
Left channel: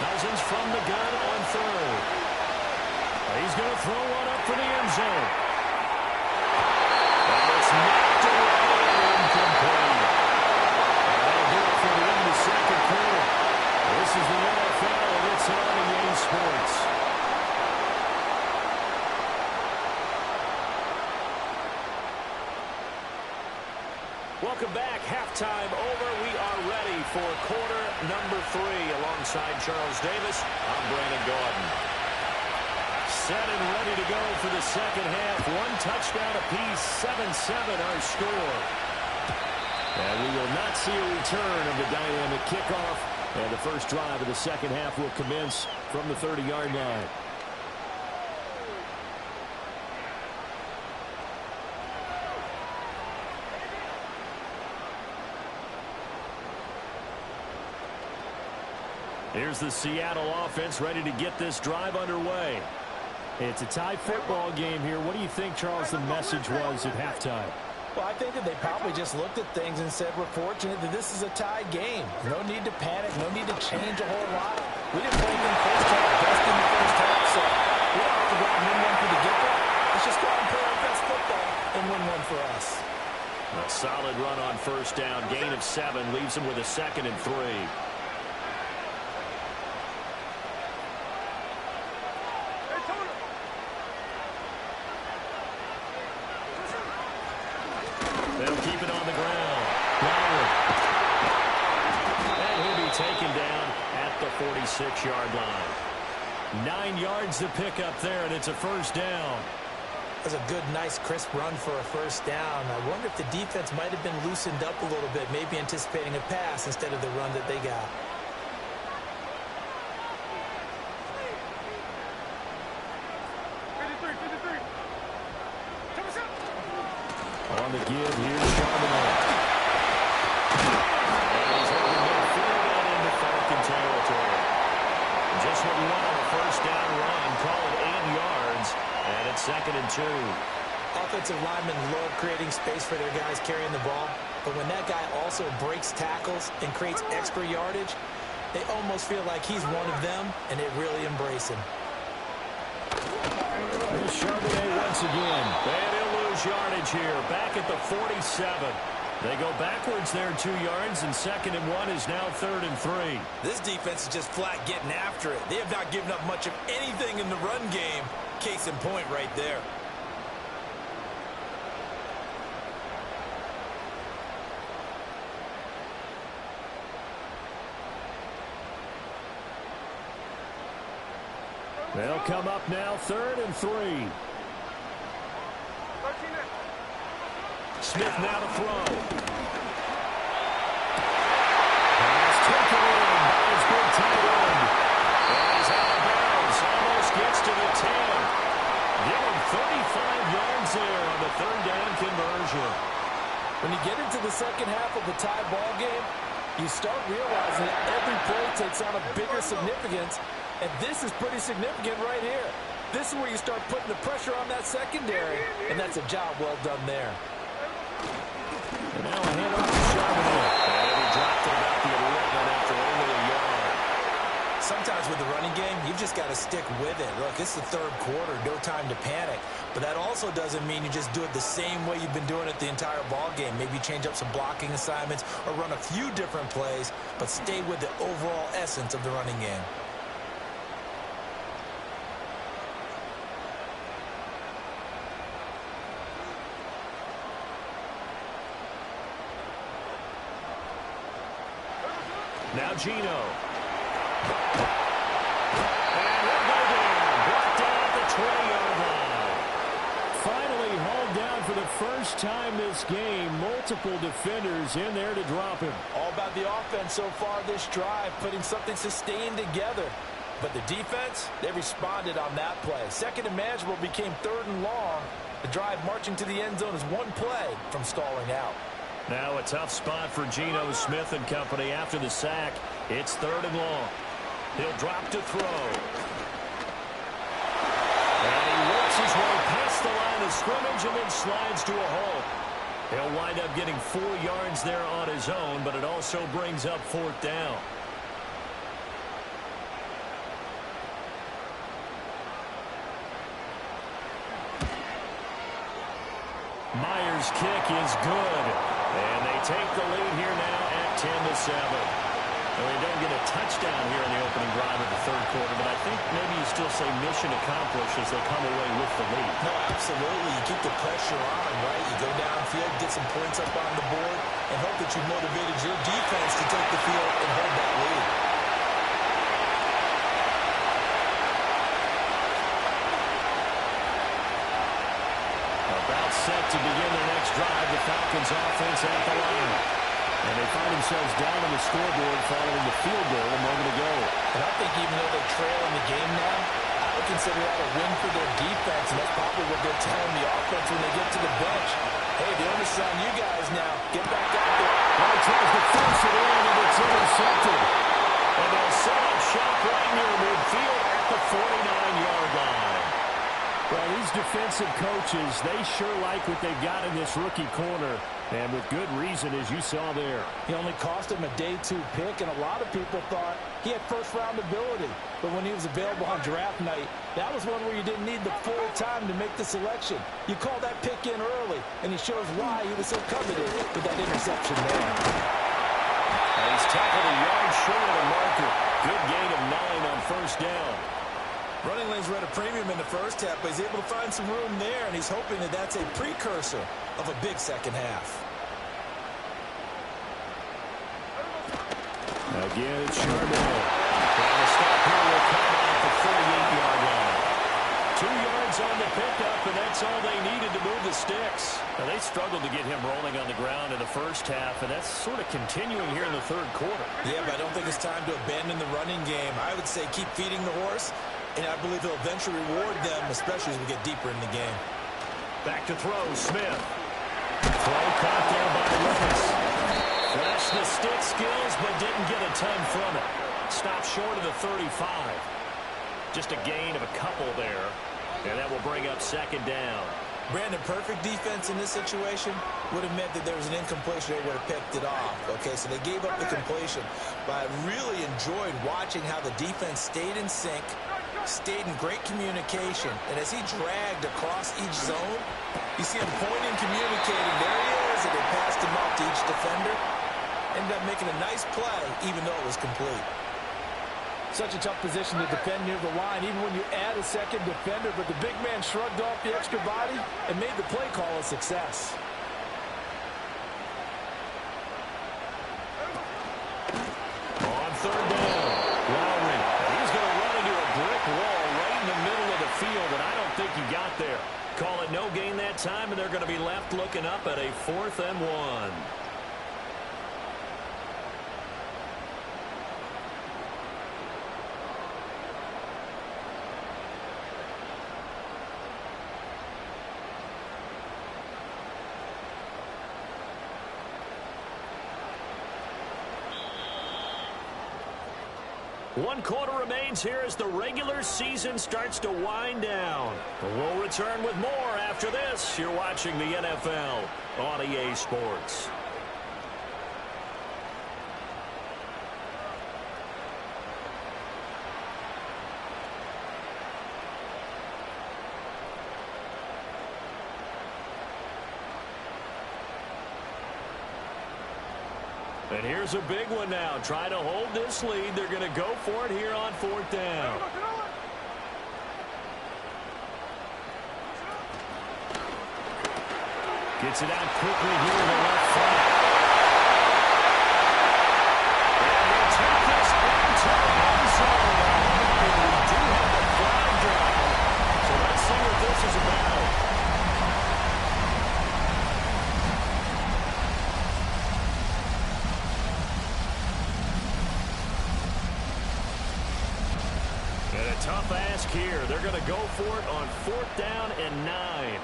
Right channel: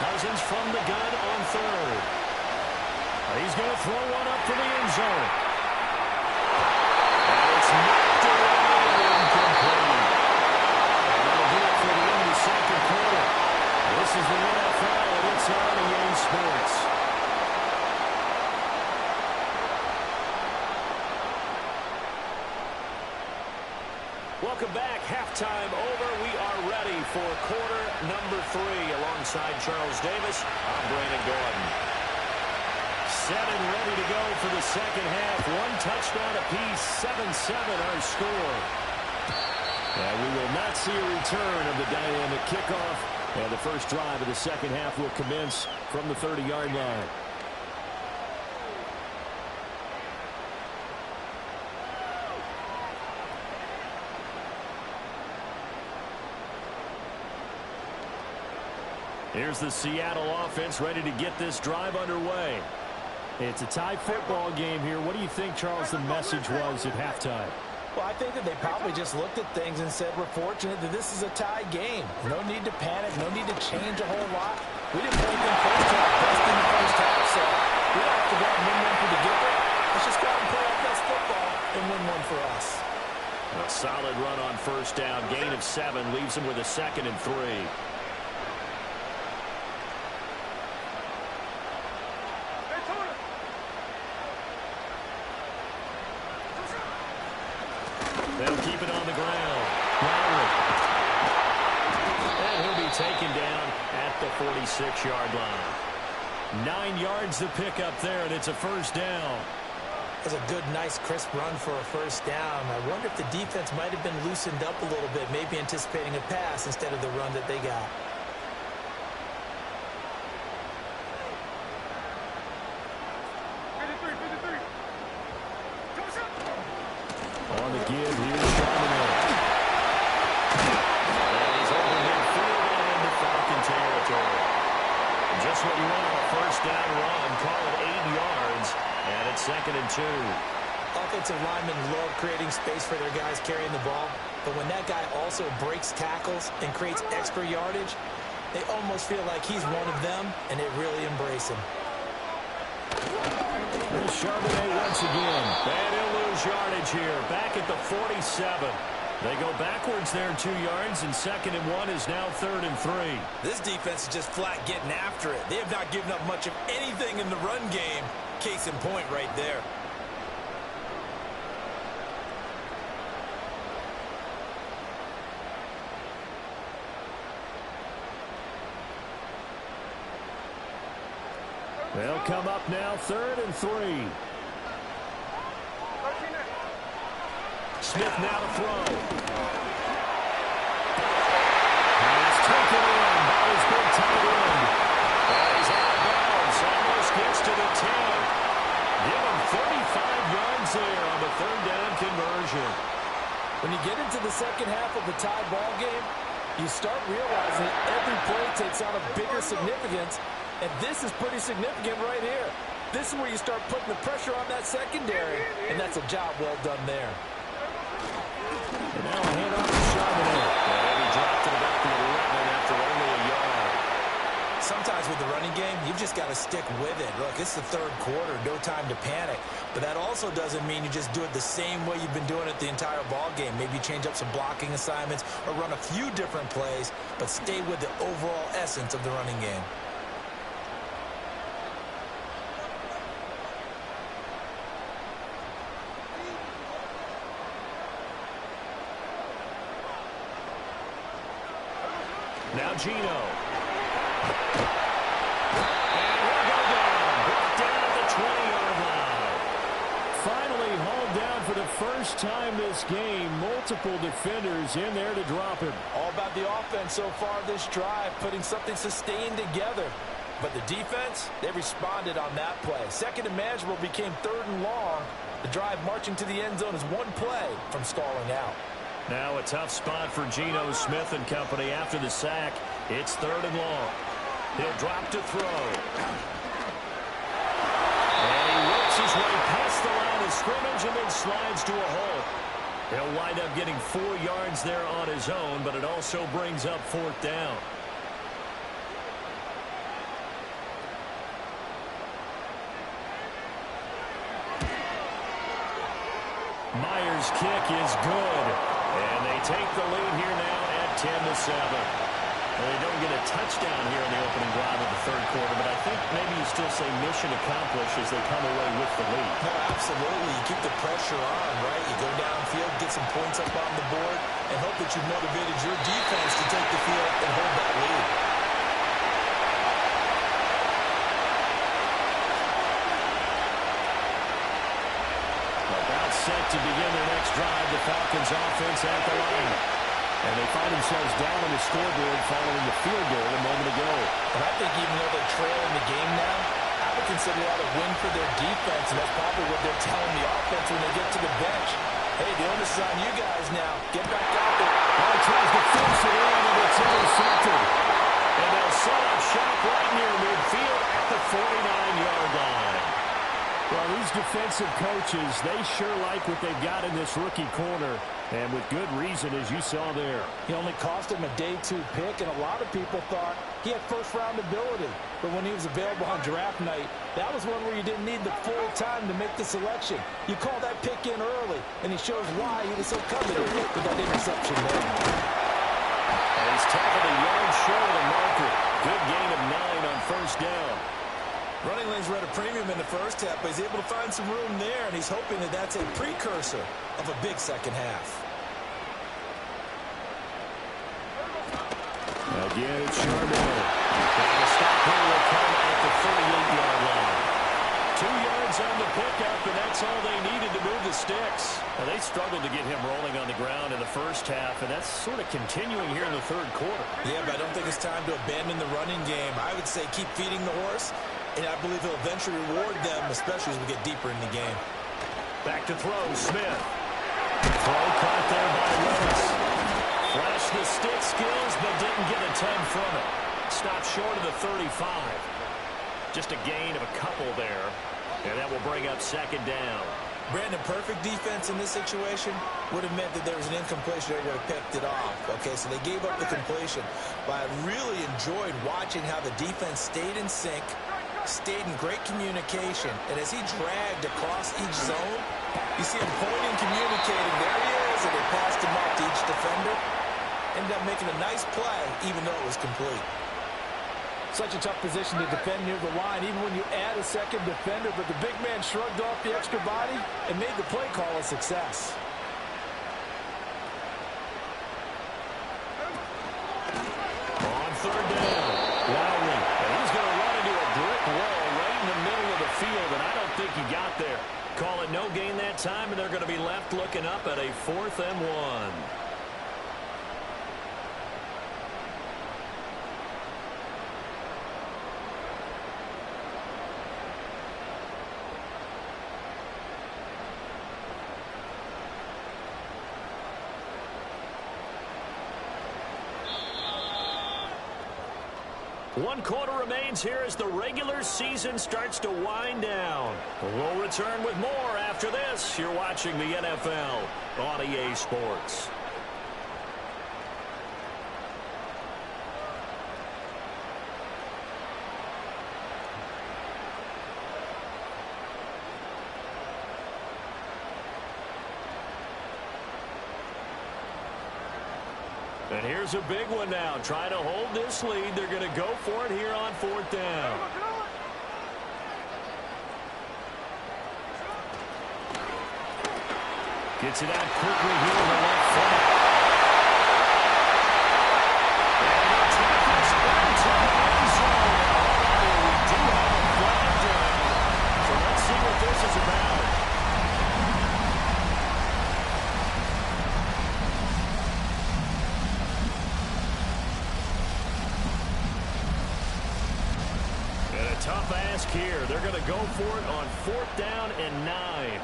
Cousins from the gun on 3rd. He's going to throw one up for the end zone. And it's knocked away and incomplete. And that'll do it for the end of the 2nd quarter. This is the NFL, and it's on EA Sports. Welcome back. Halftime over. We are ready for quarter number 3. Alongside Charles Davis, I'm Brandon Gordon. Set and ready to go for the 2nd half. 1 touchdown apiece. 7-7 our score. And we will not see a return of the dynamic kickoff. And the first drive of the 2nd half will commence from the 30-yard line. Here's the Seattle offense ready to get this drive underway. It's a tie football game here. What do you think, Charles, the message was at halftime? Well, I think that they probably just looked at things and said, we're fortunate that this is a tie game. No need to panic. No need to change a whole lot. We didn't play anything close to our best in the first half, so we don't have to go out and win one for the Gipper. Let's just go out and play our best football and win one for us. A solid run on 1st down. Gain of 7 leaves them with a 2nd and 3. They'll keep it on the ground. Lowry. And he'll be taken down at the 46-yard line. 9 yards to pick up there, and it's a 1st down. That's a good, nice, crisp run for a 1st down. I wonder if the defense might have been loosened up a little bit, maybe anticipating a pass instead of the run that they got. On the give, here's Charbonnet. And he's over midfield and into Falcon territory. Just what you want on a 1st down run. Call it 8 yards, and it's 2nd and 2. Offensive linemen love creating space for their guys carrying the ball, but when that guy also breaks tackles and creates extra yardage, they almost feel like he's one of them, and they really embrace him. Here's Charbonnet once again. And he'll lose yardage here. Back at the 47. They go backwards there 2 yards, and 2nd and 1 is now 3rd and 3. This defense is just flat getting after it. They have not given up much of anything in the run game. Case in point right there. They'll come up now 3rd and 3. Smith now to throw. Pass taken in by his big tight end. And he's out of bounds. Almost gets to the 10. Give him 35 yards there on the 3rd down conversion. When you get into the 2nd half of a tie ball game, you start realizing that every play takes on a bigger significance. And this is pretty significant right here. This is where you start putting the pressure on that secondary. And that's a job well done there. And now a handoff to Charbonnet. And he dropped it about the 11 after only a yard. Sometimes with the running game, you've just got to stick with it. Look, it's the third quarter, no time to panic. But that also doesn't mean you just do it the same way you've been doing it the entire ball game. Maybe change up some blocking assignments or run a few different plays, but stay with the overall essence of the running game. Now Geno. And he'll go down. Brought down at the 20-yard line. Finally hauled down for the first time this game. Multiple defenders in there to drop him. All about the offense so far this drive, putting something sustained together. But the defense, they responded on that play. Second and manageable became third and long. The drive marching to the end zone is one play from stalling out. Now a tough spot for Geno Smith and company after the sack. It's third and long. He'll drop to throw. And he works his way past the line of scrimmage and then slides to a hole. He'll wind up getting 4 yards there on his own, but it also brings up fourth down. Myers' kick is good. And they take the lead here now at 10-7. Well, they don't get a touchdown here in the opening drive of the third quarter, but I think maybe you still say mission accomplished as they come away with the lead. No, absolutely. You keep the pressure on, right? You go downfield, get some points up on the board, and hope that you motivated your defense to take the field and hold that lead. About set to begin their next drive, the Falcons offense at the line. And they find themselves down on the scoreboard following the field goal a moment ago. And I think even though they trail in the game now, I would consider that a win for their defense, and that's probably what they're telling the offense when they get to the bench. Hey, the onus is on you guys now. Get back out there. Well, he tries to force it in, and it's intercepted. And they'll set up shop right near midfield at the 49-yard line. Well, these defensive coaches, they sure like what they've got in this rookie corner, and with good reason, as you saw there. He only cost him a day 2 pick, and a lot of people thought he had first-round ability. But when he was available on draft night, that was one where you didn't need the full time to make the selection. You call that pick in early, and he shows why he was so coveted with that interception there. And he's tackled a yard short of the marker. Good gain of 9 on first down. Running lanes were at a premium in the first half, but he's able to find some room there, and he's hoping that that's a precursor of a big second half. Again, it's Charbonnet. And the stop here will come at the 38-yard line. 2 yards on the pickup, and that's all they needed to move the sticks. Now, they struggled to get him rolling on the ground in the first half, and that's sort of continuing here in the third quarter. Yeah, but I don't think it's time to abandon the running game. I would say keep feeding the horse, and I believe he'll eventually reward them, especially as we get deeper in the game. Back to throw, Smith. Throw caught there by Lewis. Flashed the stick skills, but didn't get a ton from it. Stopped short of the 35. Just a gain of a couple there, and that will bring up second down. Brandon, perfect defense in this situation would have meant that there was an incompletion. They would have picked it off. Okay, so they gave up the completion. But I really enjoyed watching how the defense stayed in sync, stayed in great communication, and as he dragged across each zone, you see him pointing, communicating. There he is, and they passed him off to each defender. Ended up making a nice play, even though it was complete. Such a tough position to defend near the line, even when you add a second defender, but the big man shrugged off the extra body and made the play call a success. On third down, Lowry. And he's going to run into a brick wall right in the middle of the field, and I don't think he got there. Call it no gain that time, and they're going to be left looking up at a 4th and 1. 1 quarter remains here as the regular season starts to wind down. We'll return with more after this. You're watching the NFL on EA Sports. And here's a big one now. Trying to hold this lead. They're going to go for it here on 4th down. Gets it out quickly here in the left flat. And they'll take this into the end zone. Now, hold on here. We do have a flag down. So let's see what this is about. Tough ask here. They're going to go for it on 4th down and 9.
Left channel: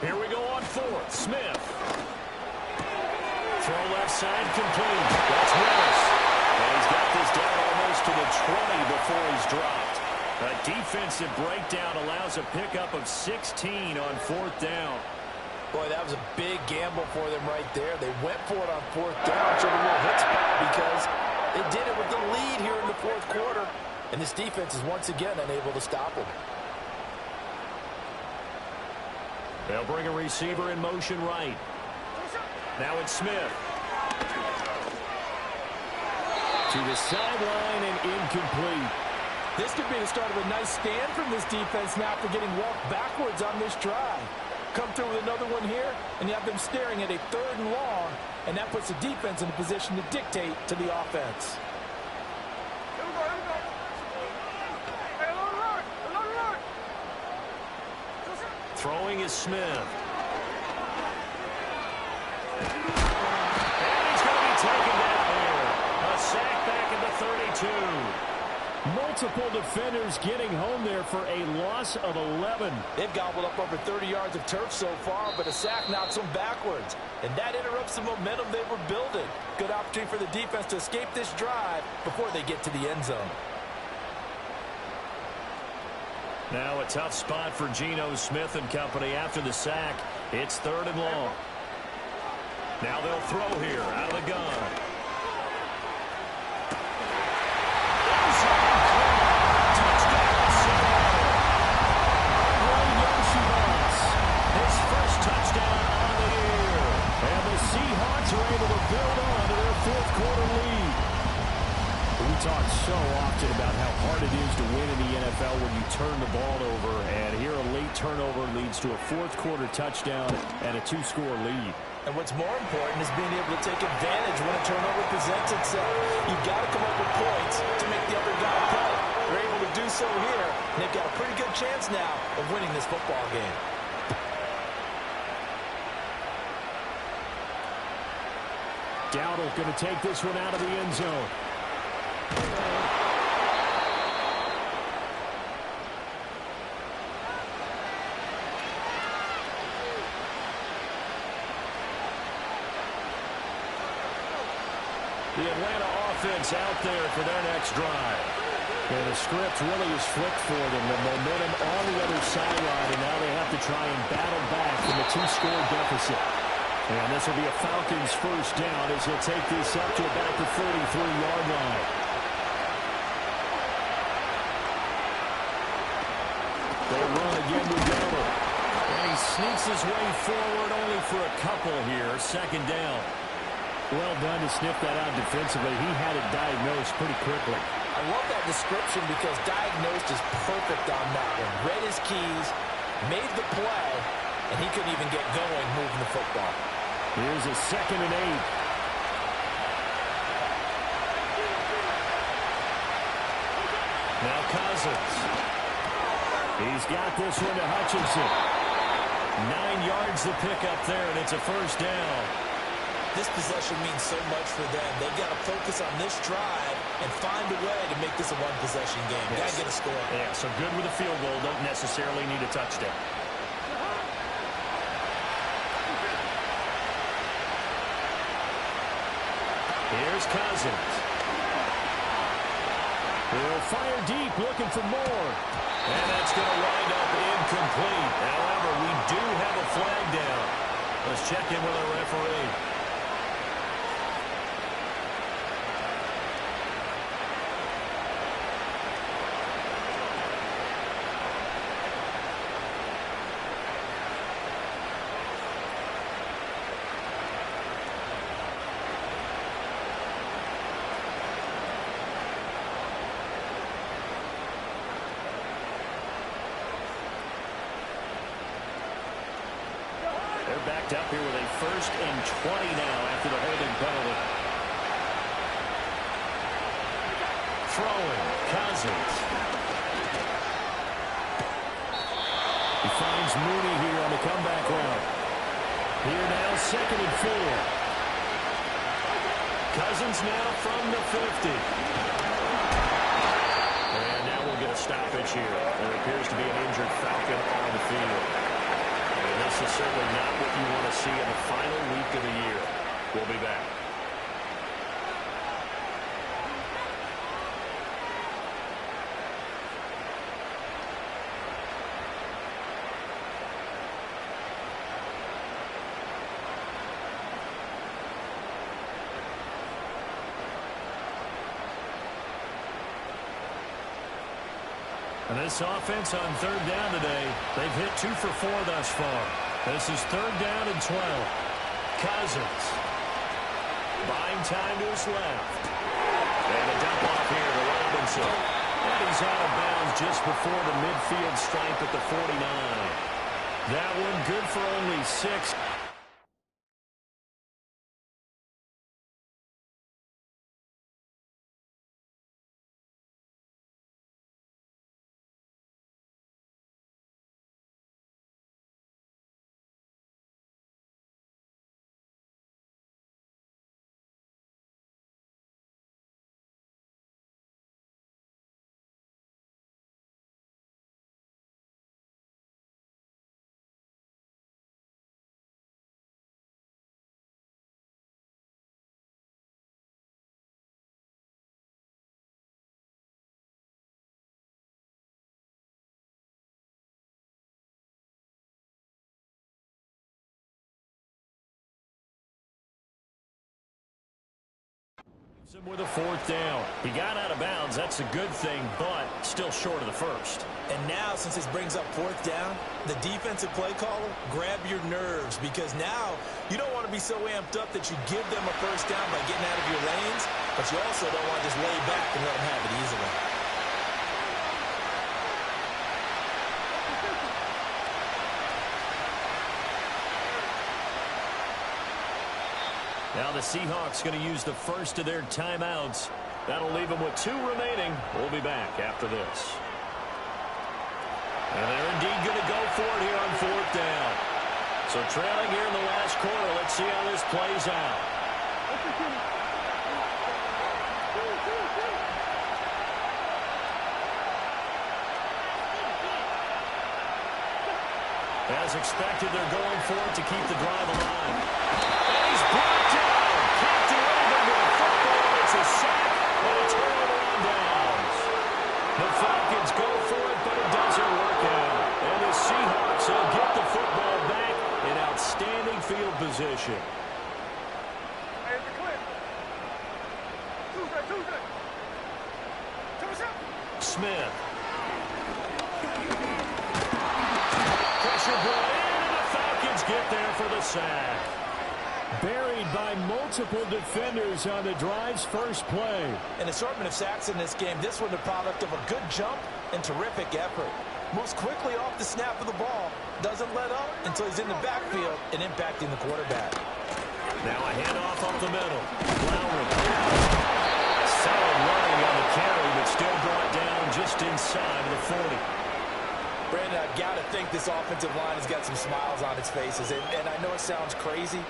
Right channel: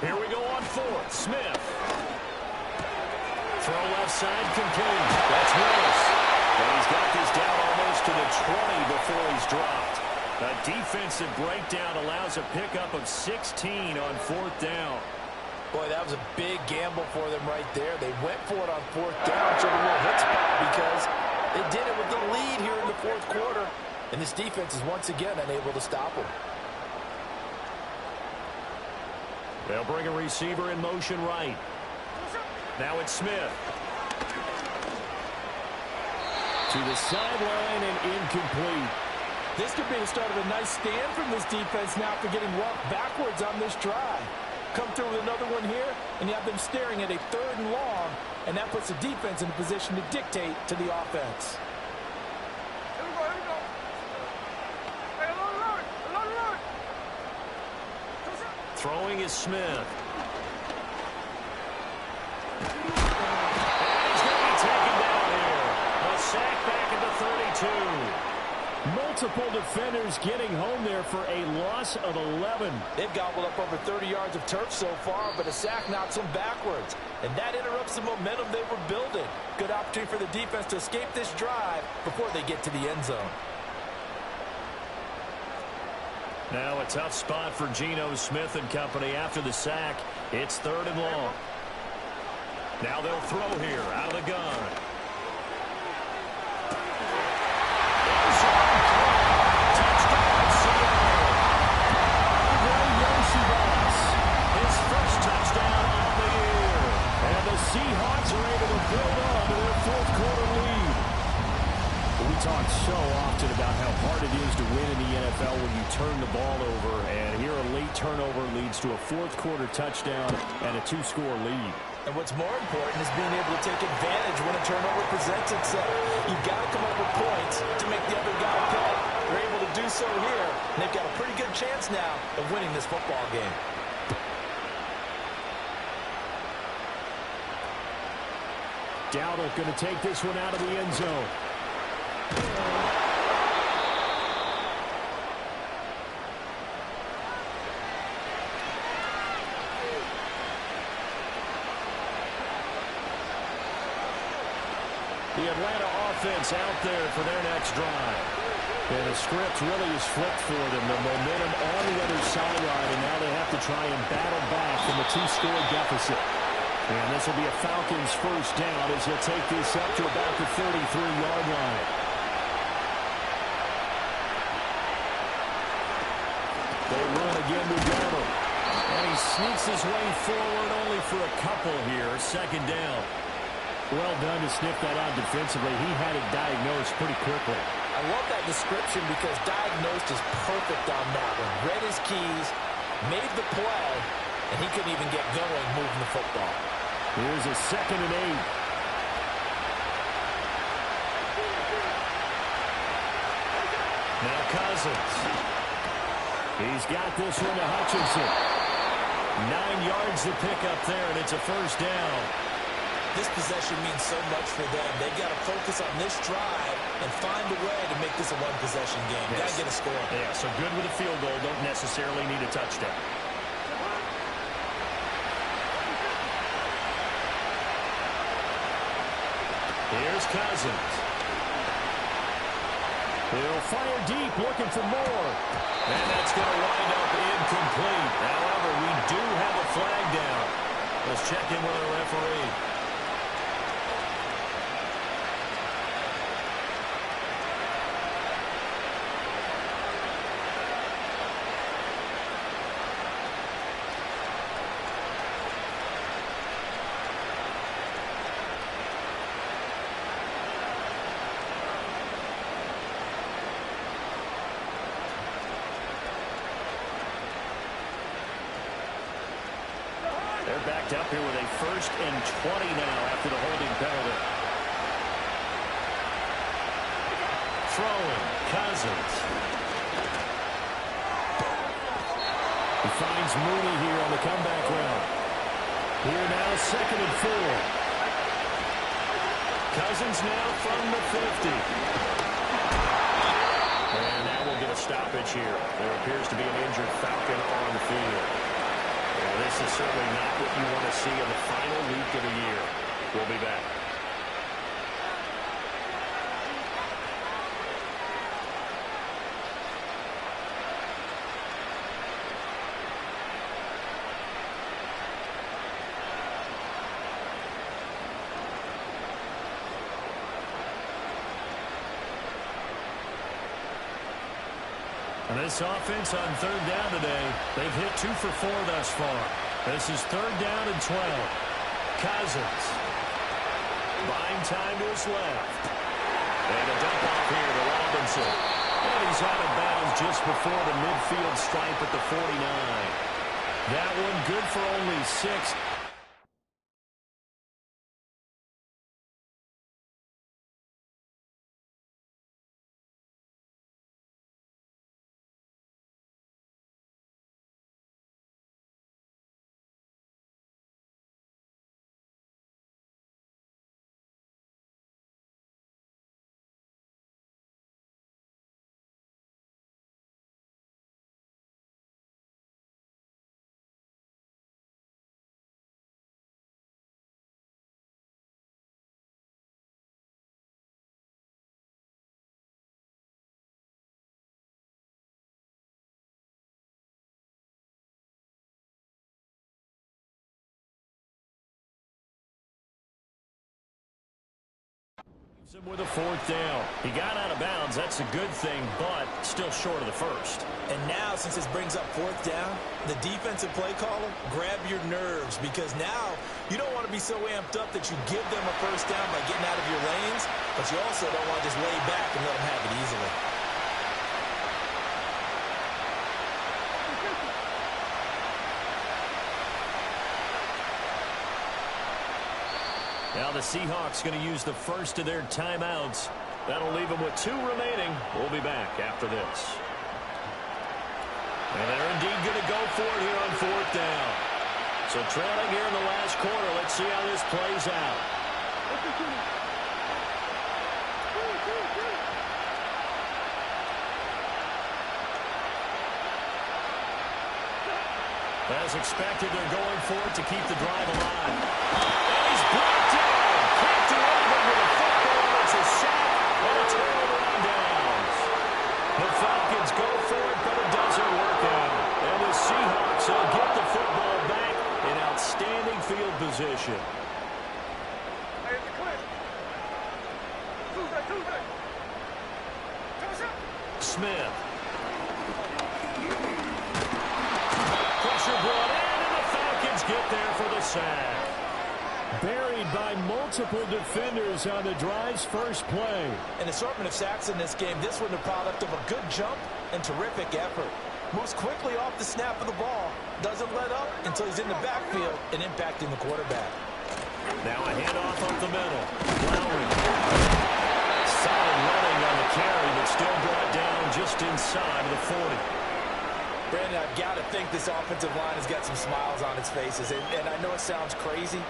Here we go on 4th. Smith. Throw left side complete. That's Willis. And he's got this down almost to the 20 before he's dropped. A defensive breakdown allows a pickup of 16 on 4th down. Boy, that was a big gamble for them right there. They went for it on 4th down, showed a little hit spot because they did it with the lead here in the 4th quarter. And this defense is once again unable to stop them. They'll bring a receiver in motion right. Now it's Smith. To the sideline and incomplete. This could be the start of a nice stand from this defense now after getting walked backwards on this drive. Come through with another one here, and you have them staring at a 3rd and long, and that puts the defense in a position to dictate to the offense. Here we go, here we go. Hey, alone. Throwing is Smith. And he's going to be taken down here. A sack back at the 32. Multiple defenders getting home there for a loss of 11. They've gobbled up over 30 yards of turf so far, but a sack knocks them backwards. And that interrupts the momentum they were building. Good opportunity for the defense to escape this drive before they get to the end zone. Now a tough spot for Geno Smith and company after the sack. It's 3rd and long. Now they'll throw here out of the gun. Touchdown, Seattle. His first touchdown on the year. And the Seahawks are able to build on to their 4th quarter lead. We talk so often about how hard it is to win in the NFL when you turn the ball over. And here a late turnover leads to a 4th quarter touchdown and a 2-score lead. And what's more important is being able to take advantage when a turnover presents itself. You've got to come up with points to make the other guy pay. They're able to do so here, and they've got a pretty good chance now of winning this football game. Dowdle going to take this one out of the end zone. The Atlanta offense out there for their next drive. And the script really is flipped for them. The momentum on the other sideline, and now they have to try and battle back from a 2-score deficit. And this will be a Falcons first down as he'll take this up to about the 33-yard line. They run again with Dowdle. And he sneaks his way forward only for a couple here. 2nd down. Well done to sniff that out defensively. He had it diagnosed pretty quickly. I love that description because diagnosed is perfect on that one. Read his keys, made the play, and he couldn't even get going moving the football. Here's a 2nd and 8. Now Cousins. He's got this one to Hutchinson. 9 yards to pick up there, and it's a first down. This possession means so much for them. They've got to focus on this drive and find a way to make this a one-possession game. Yes. Got to get a score. Yeah, so good with a field goal. Don't necessarily need a touchdown. Here's Cousins. He'll fire deep, looking for more. And that's going to wind up incomplete. However, we do have a flag down. Let's check in with our referee. They're backed up here with a 1st and 20 now after the holding penalty. Throwing, Cousins. He finds Mooney here on the comeback route. Here now, 2nd and 4. Cousins now from the 50. And now we'll get a stoppage here. There appears to be an injured Falcon on the field. And this is certainly not what you want to see in the final week of the year. We'll be back. And this offense on 3rd down today, they've hit 2 for 4 thus far. This is 3rd down and 12. Cousins buying time to his left. And a dump off here to Robinson. And he's out of bounds just before the midfield stripe at the 49. That one good for only 6. With a 4th down. He got out of bounds. That's a good thing, but still short of the 1st. And now, since this brings up 4th down, the defensive play caller, grab your nerves, because now you don't want to be so amped up that you give them a 1st down by getting out of your lanes, but you also don't want to just lay back and let them have it easily. Now the Seahawks going to use the first of their timeouts. That'll leave them with 2 remaining. We'll be back after this. And they're indeed going to go for it here on 4th down. So trailing here in the last quarter. Let's see how this plays out. As expected, they're going for it to keep the drive alive. And he's brought down. Can't do anything with a football. It's a sack and a turnover on downs. The Falcons go for it, but it doesn't work out. And the Seahawks will get the football back in outstanding field position. Hey, it's the clip. Tuesday. Smith. Pressure brought in, and the Falcons get there for the sack. Buried by multiple defenders on the drive's first play. An assortment of sacks in this game. This one the product of a good jump and terrific effort. Moves quickly off the snap of the ball. Doesn't let up until he's in the backfield and impacting the quarterback. Now a handoff up the middle. Lowry. Solid running on the carry, but still brought down just inside of the 40. Brandon, I've got to think this offensive line has got some smiles on its faces. And I know it sounds crazy,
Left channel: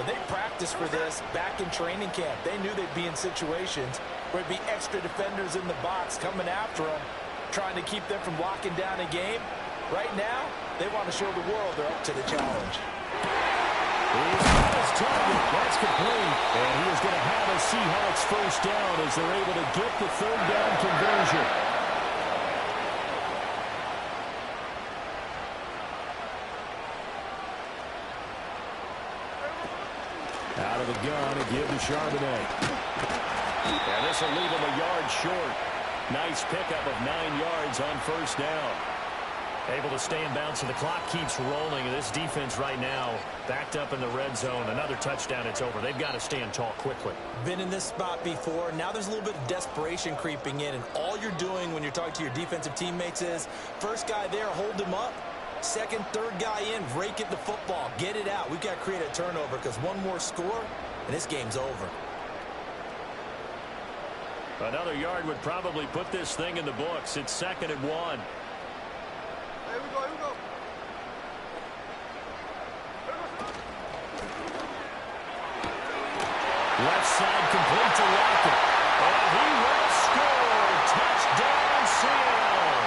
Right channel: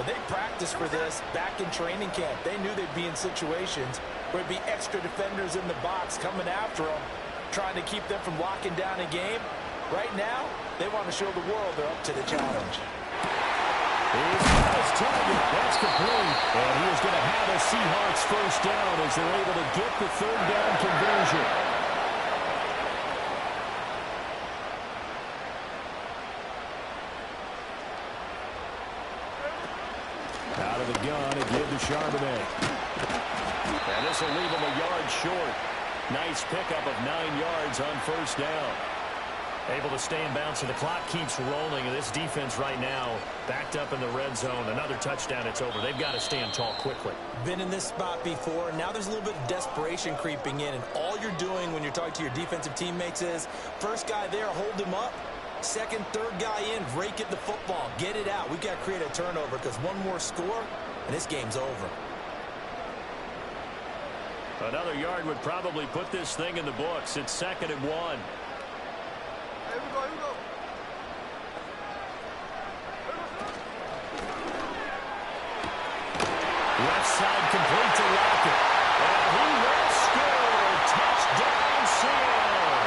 But they practiced for this back in training camp. They knew they'd be in situations where there'd be extra defenders in the box coming after them, trying to keep them from locking down a game. Right now, they want to show the world they're up to the challenge. He's got his target. That's complete. And he is going to have a Seahawks first down as they're able to get the third down conversion. Out of the gun and give to Charbonnet. And this will leave him a yard short. Nice pickup of 9 yards on first down. Able to stay in bounds, so the clock keeps rolling. And this defense right now backed up in the red zone. Another touchdown, it's over. They've got to stand tall quickly. Been in this spot before. Now there's a little bit of desperation creeping in. And all you're doing when you're talking to your defensive teammates is, first guy there, hold him up. Second, third guy in, rake at the football. Get it out. We've got to create a turnover because one more score, and this game's over. Another yard would probably put this thing in the books. It's 2nd and 1. Here we go, here we go. Left side complete to Lockett. And he will score. Touchdown, Seattle.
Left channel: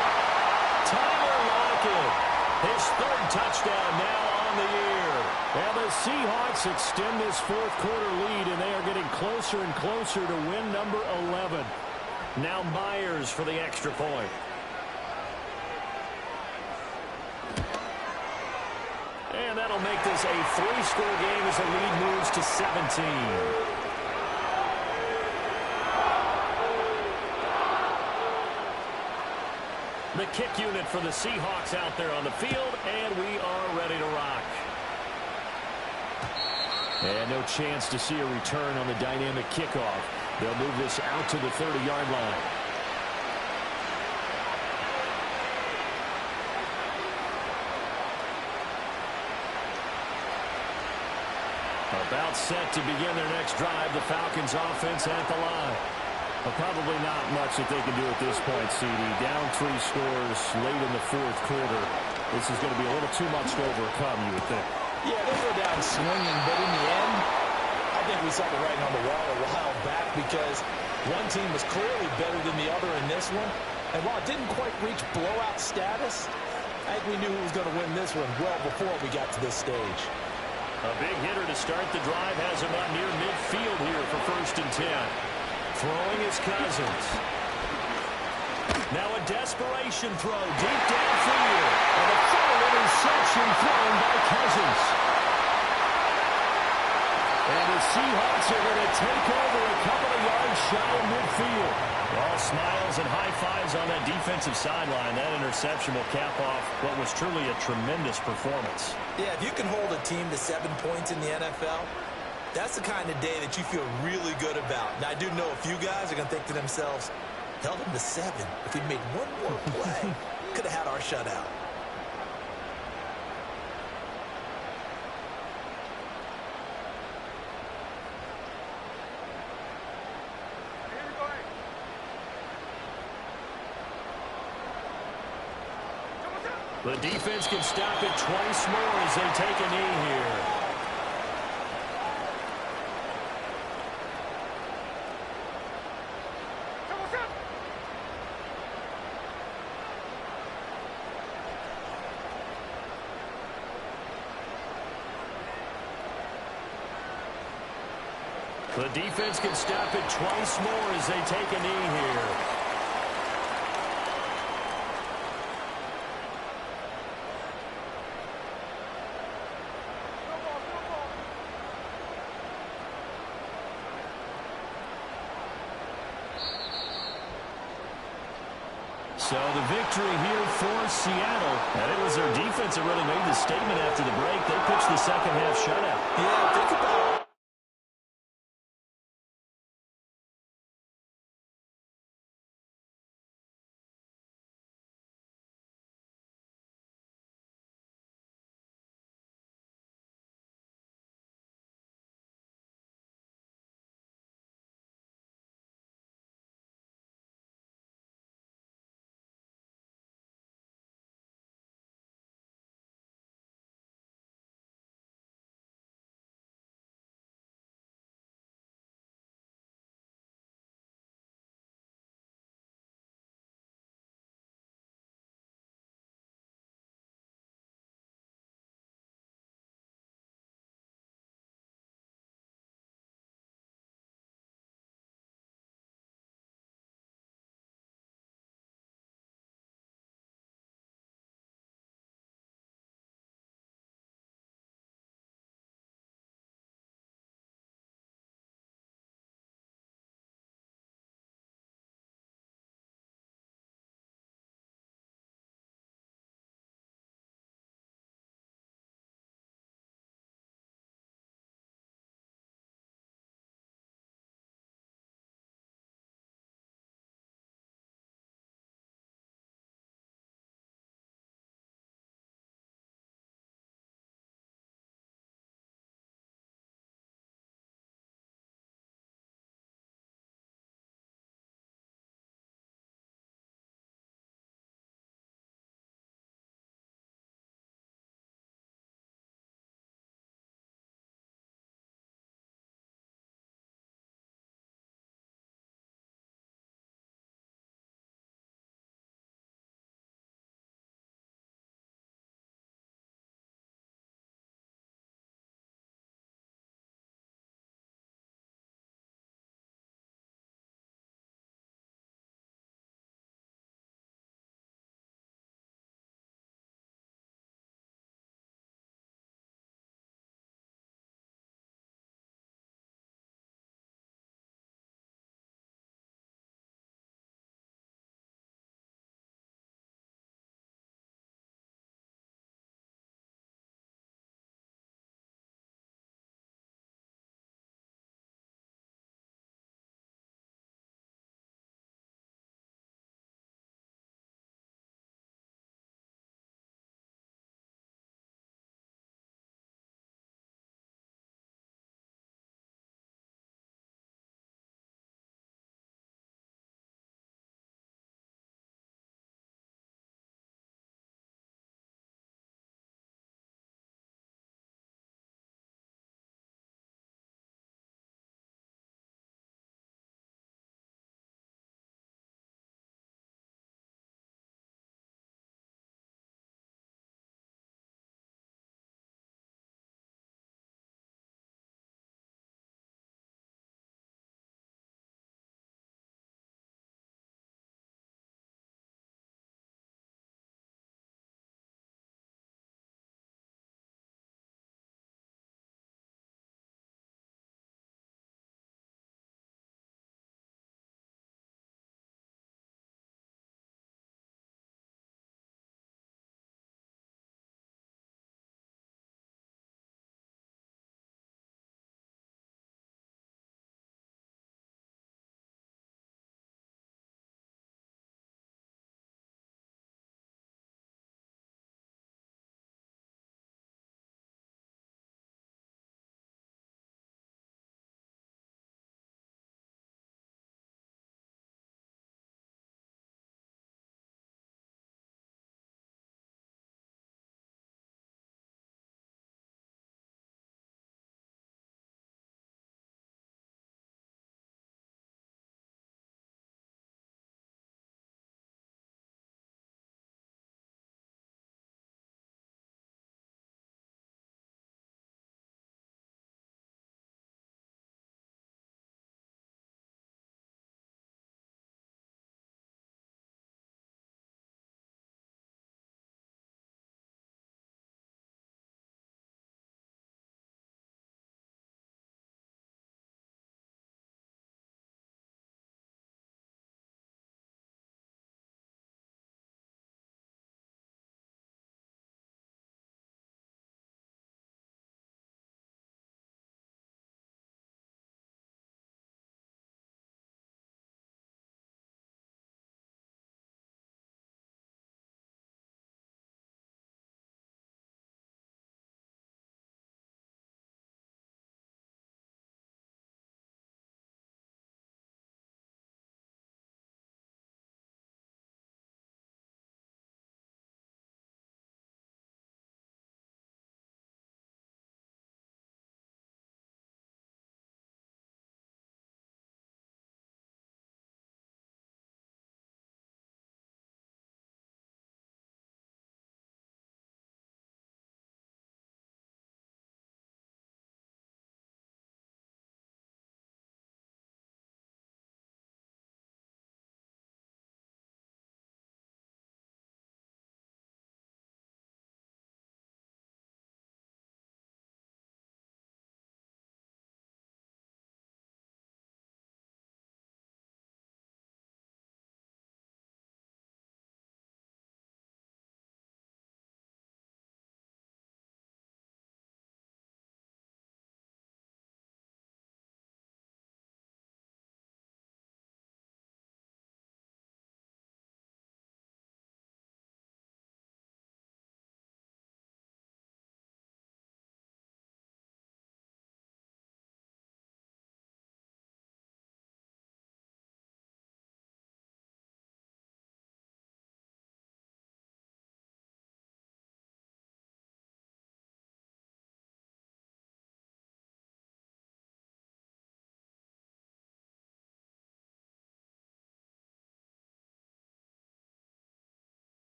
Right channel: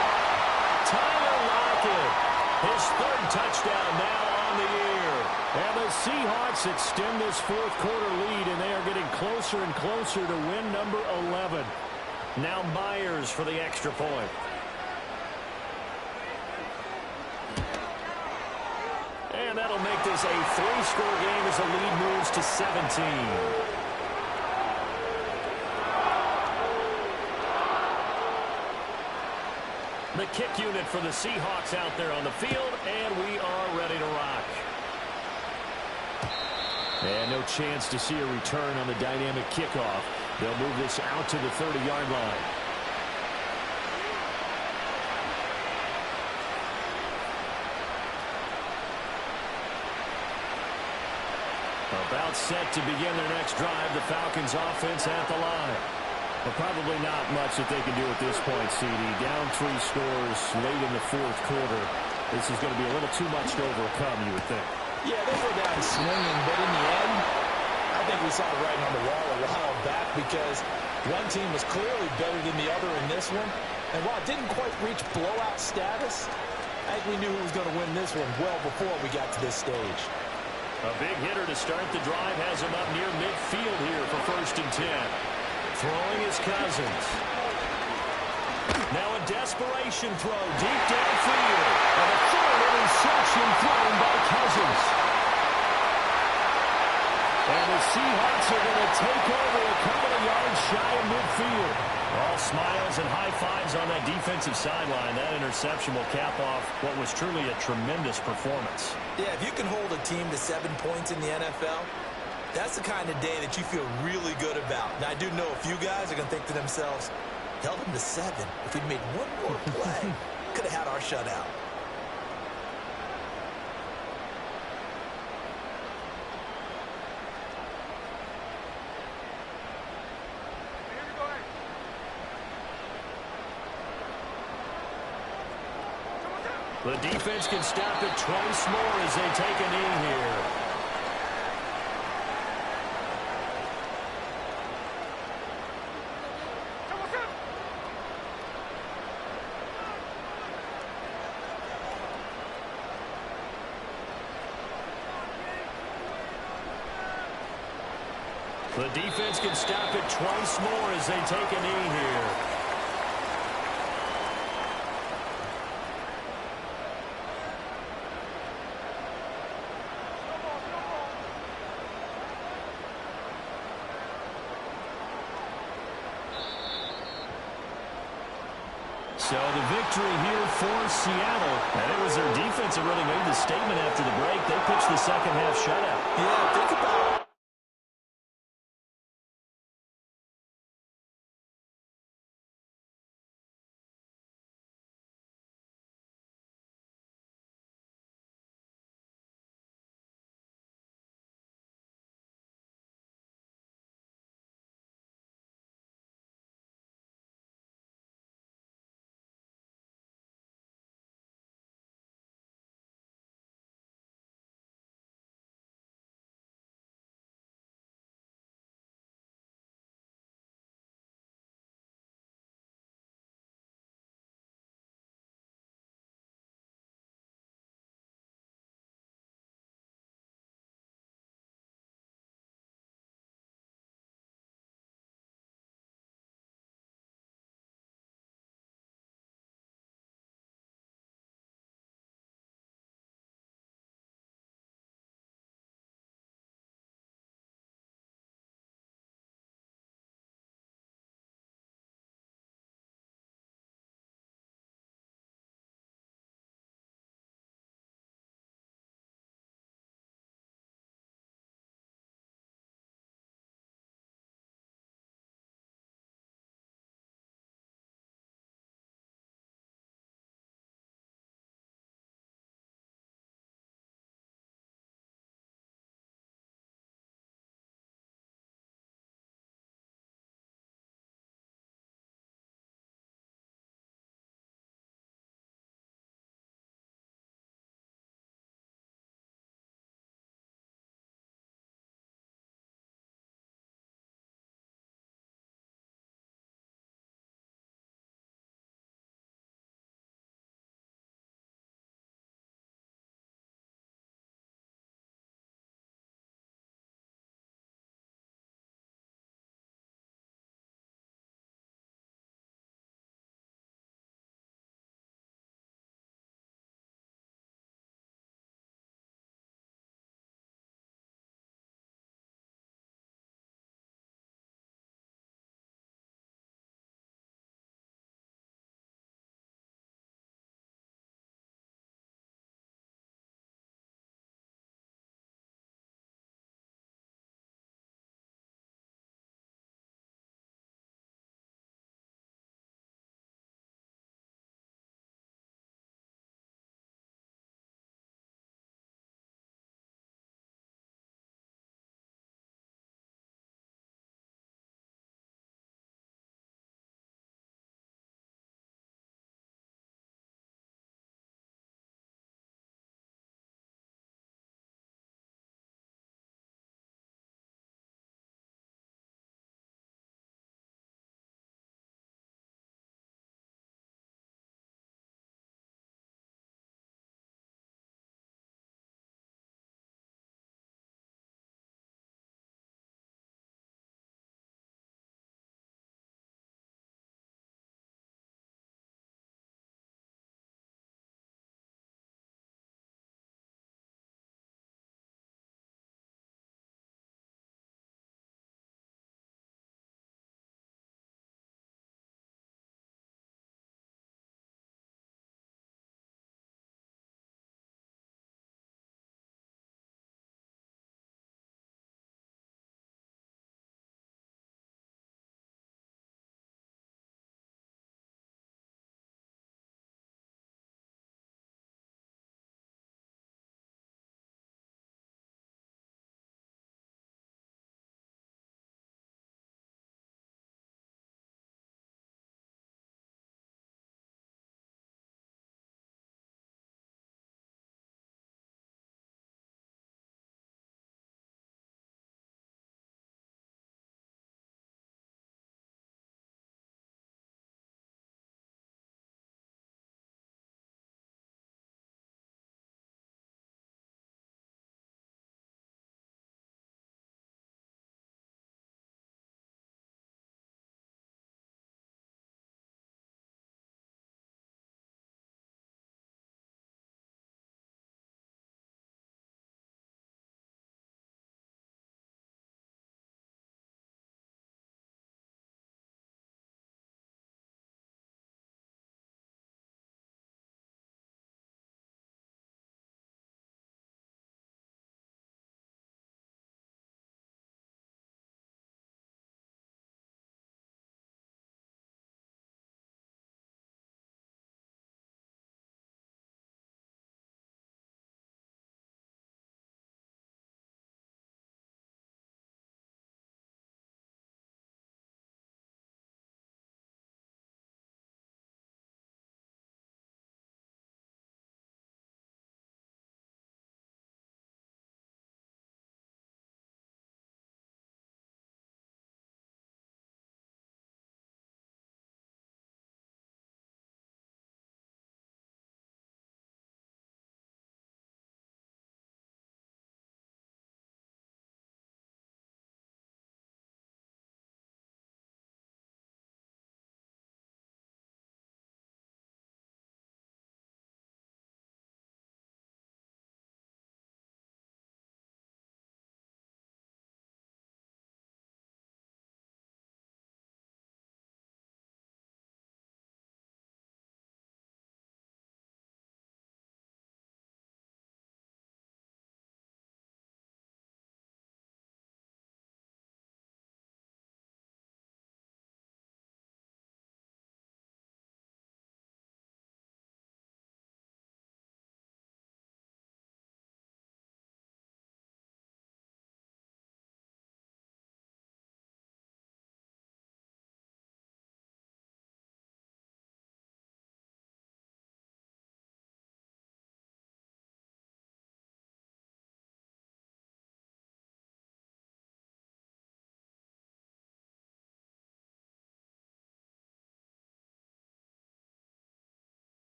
Tyler Lockett. His 3rd touchdown now on the year. And the Seahawks extend this 4th quarter lead, and they are getting closer and closer to win number 11. Now Myers for the extra point. And that'll make this a 3-score game as the lead moves to 17. The kick unit for the Seahawks out there on the field, and we are ready to rock. And no chance to see a return on the dynamic kickoff. They'll move this out to the 30-yard line. About set to begin their next drive. The Falcons offense at the line. Well, probably not much that they can do at this point, CD. Down 3 scores late in the 4th quarter. This is going to be a little too much to overcome, you would think. Yeah, they go down swinging, but in the end, I think we saw the writing on the wall a while back because one team was clearly better than the other in this one. And while it didn't quite reach blowout status, I think we knew who was going to win this one well before we got to this stage. A big hitter to start the drive has him up near midfield here for 1st and 10. Throwing his Cousins. Now a desperation throw deep downfield. And a 3rd interception thrown by Cousins. And the Seahawks are going to take over a couple of yards shy of midfield. All smiles and high fives on that defensive sideline. That interception will cap off what was truly a tremendous performance. Yeah, if you can hold a team to 7 points in the NFL, that's the kind of day that you feel really good about. Now, I do know a few guys are going to think to themselves, held them to 7. If we'd made one more play, could have had our shutout. Here we go, hey. Come on, down. The defense can stop it twice more as they take a knee here. The defense can stop it twice more as they take a knee here. So the victory here for Seattle. And it was their defense that really made the statement after the break. They pitched the second half shutout. Yeah, think about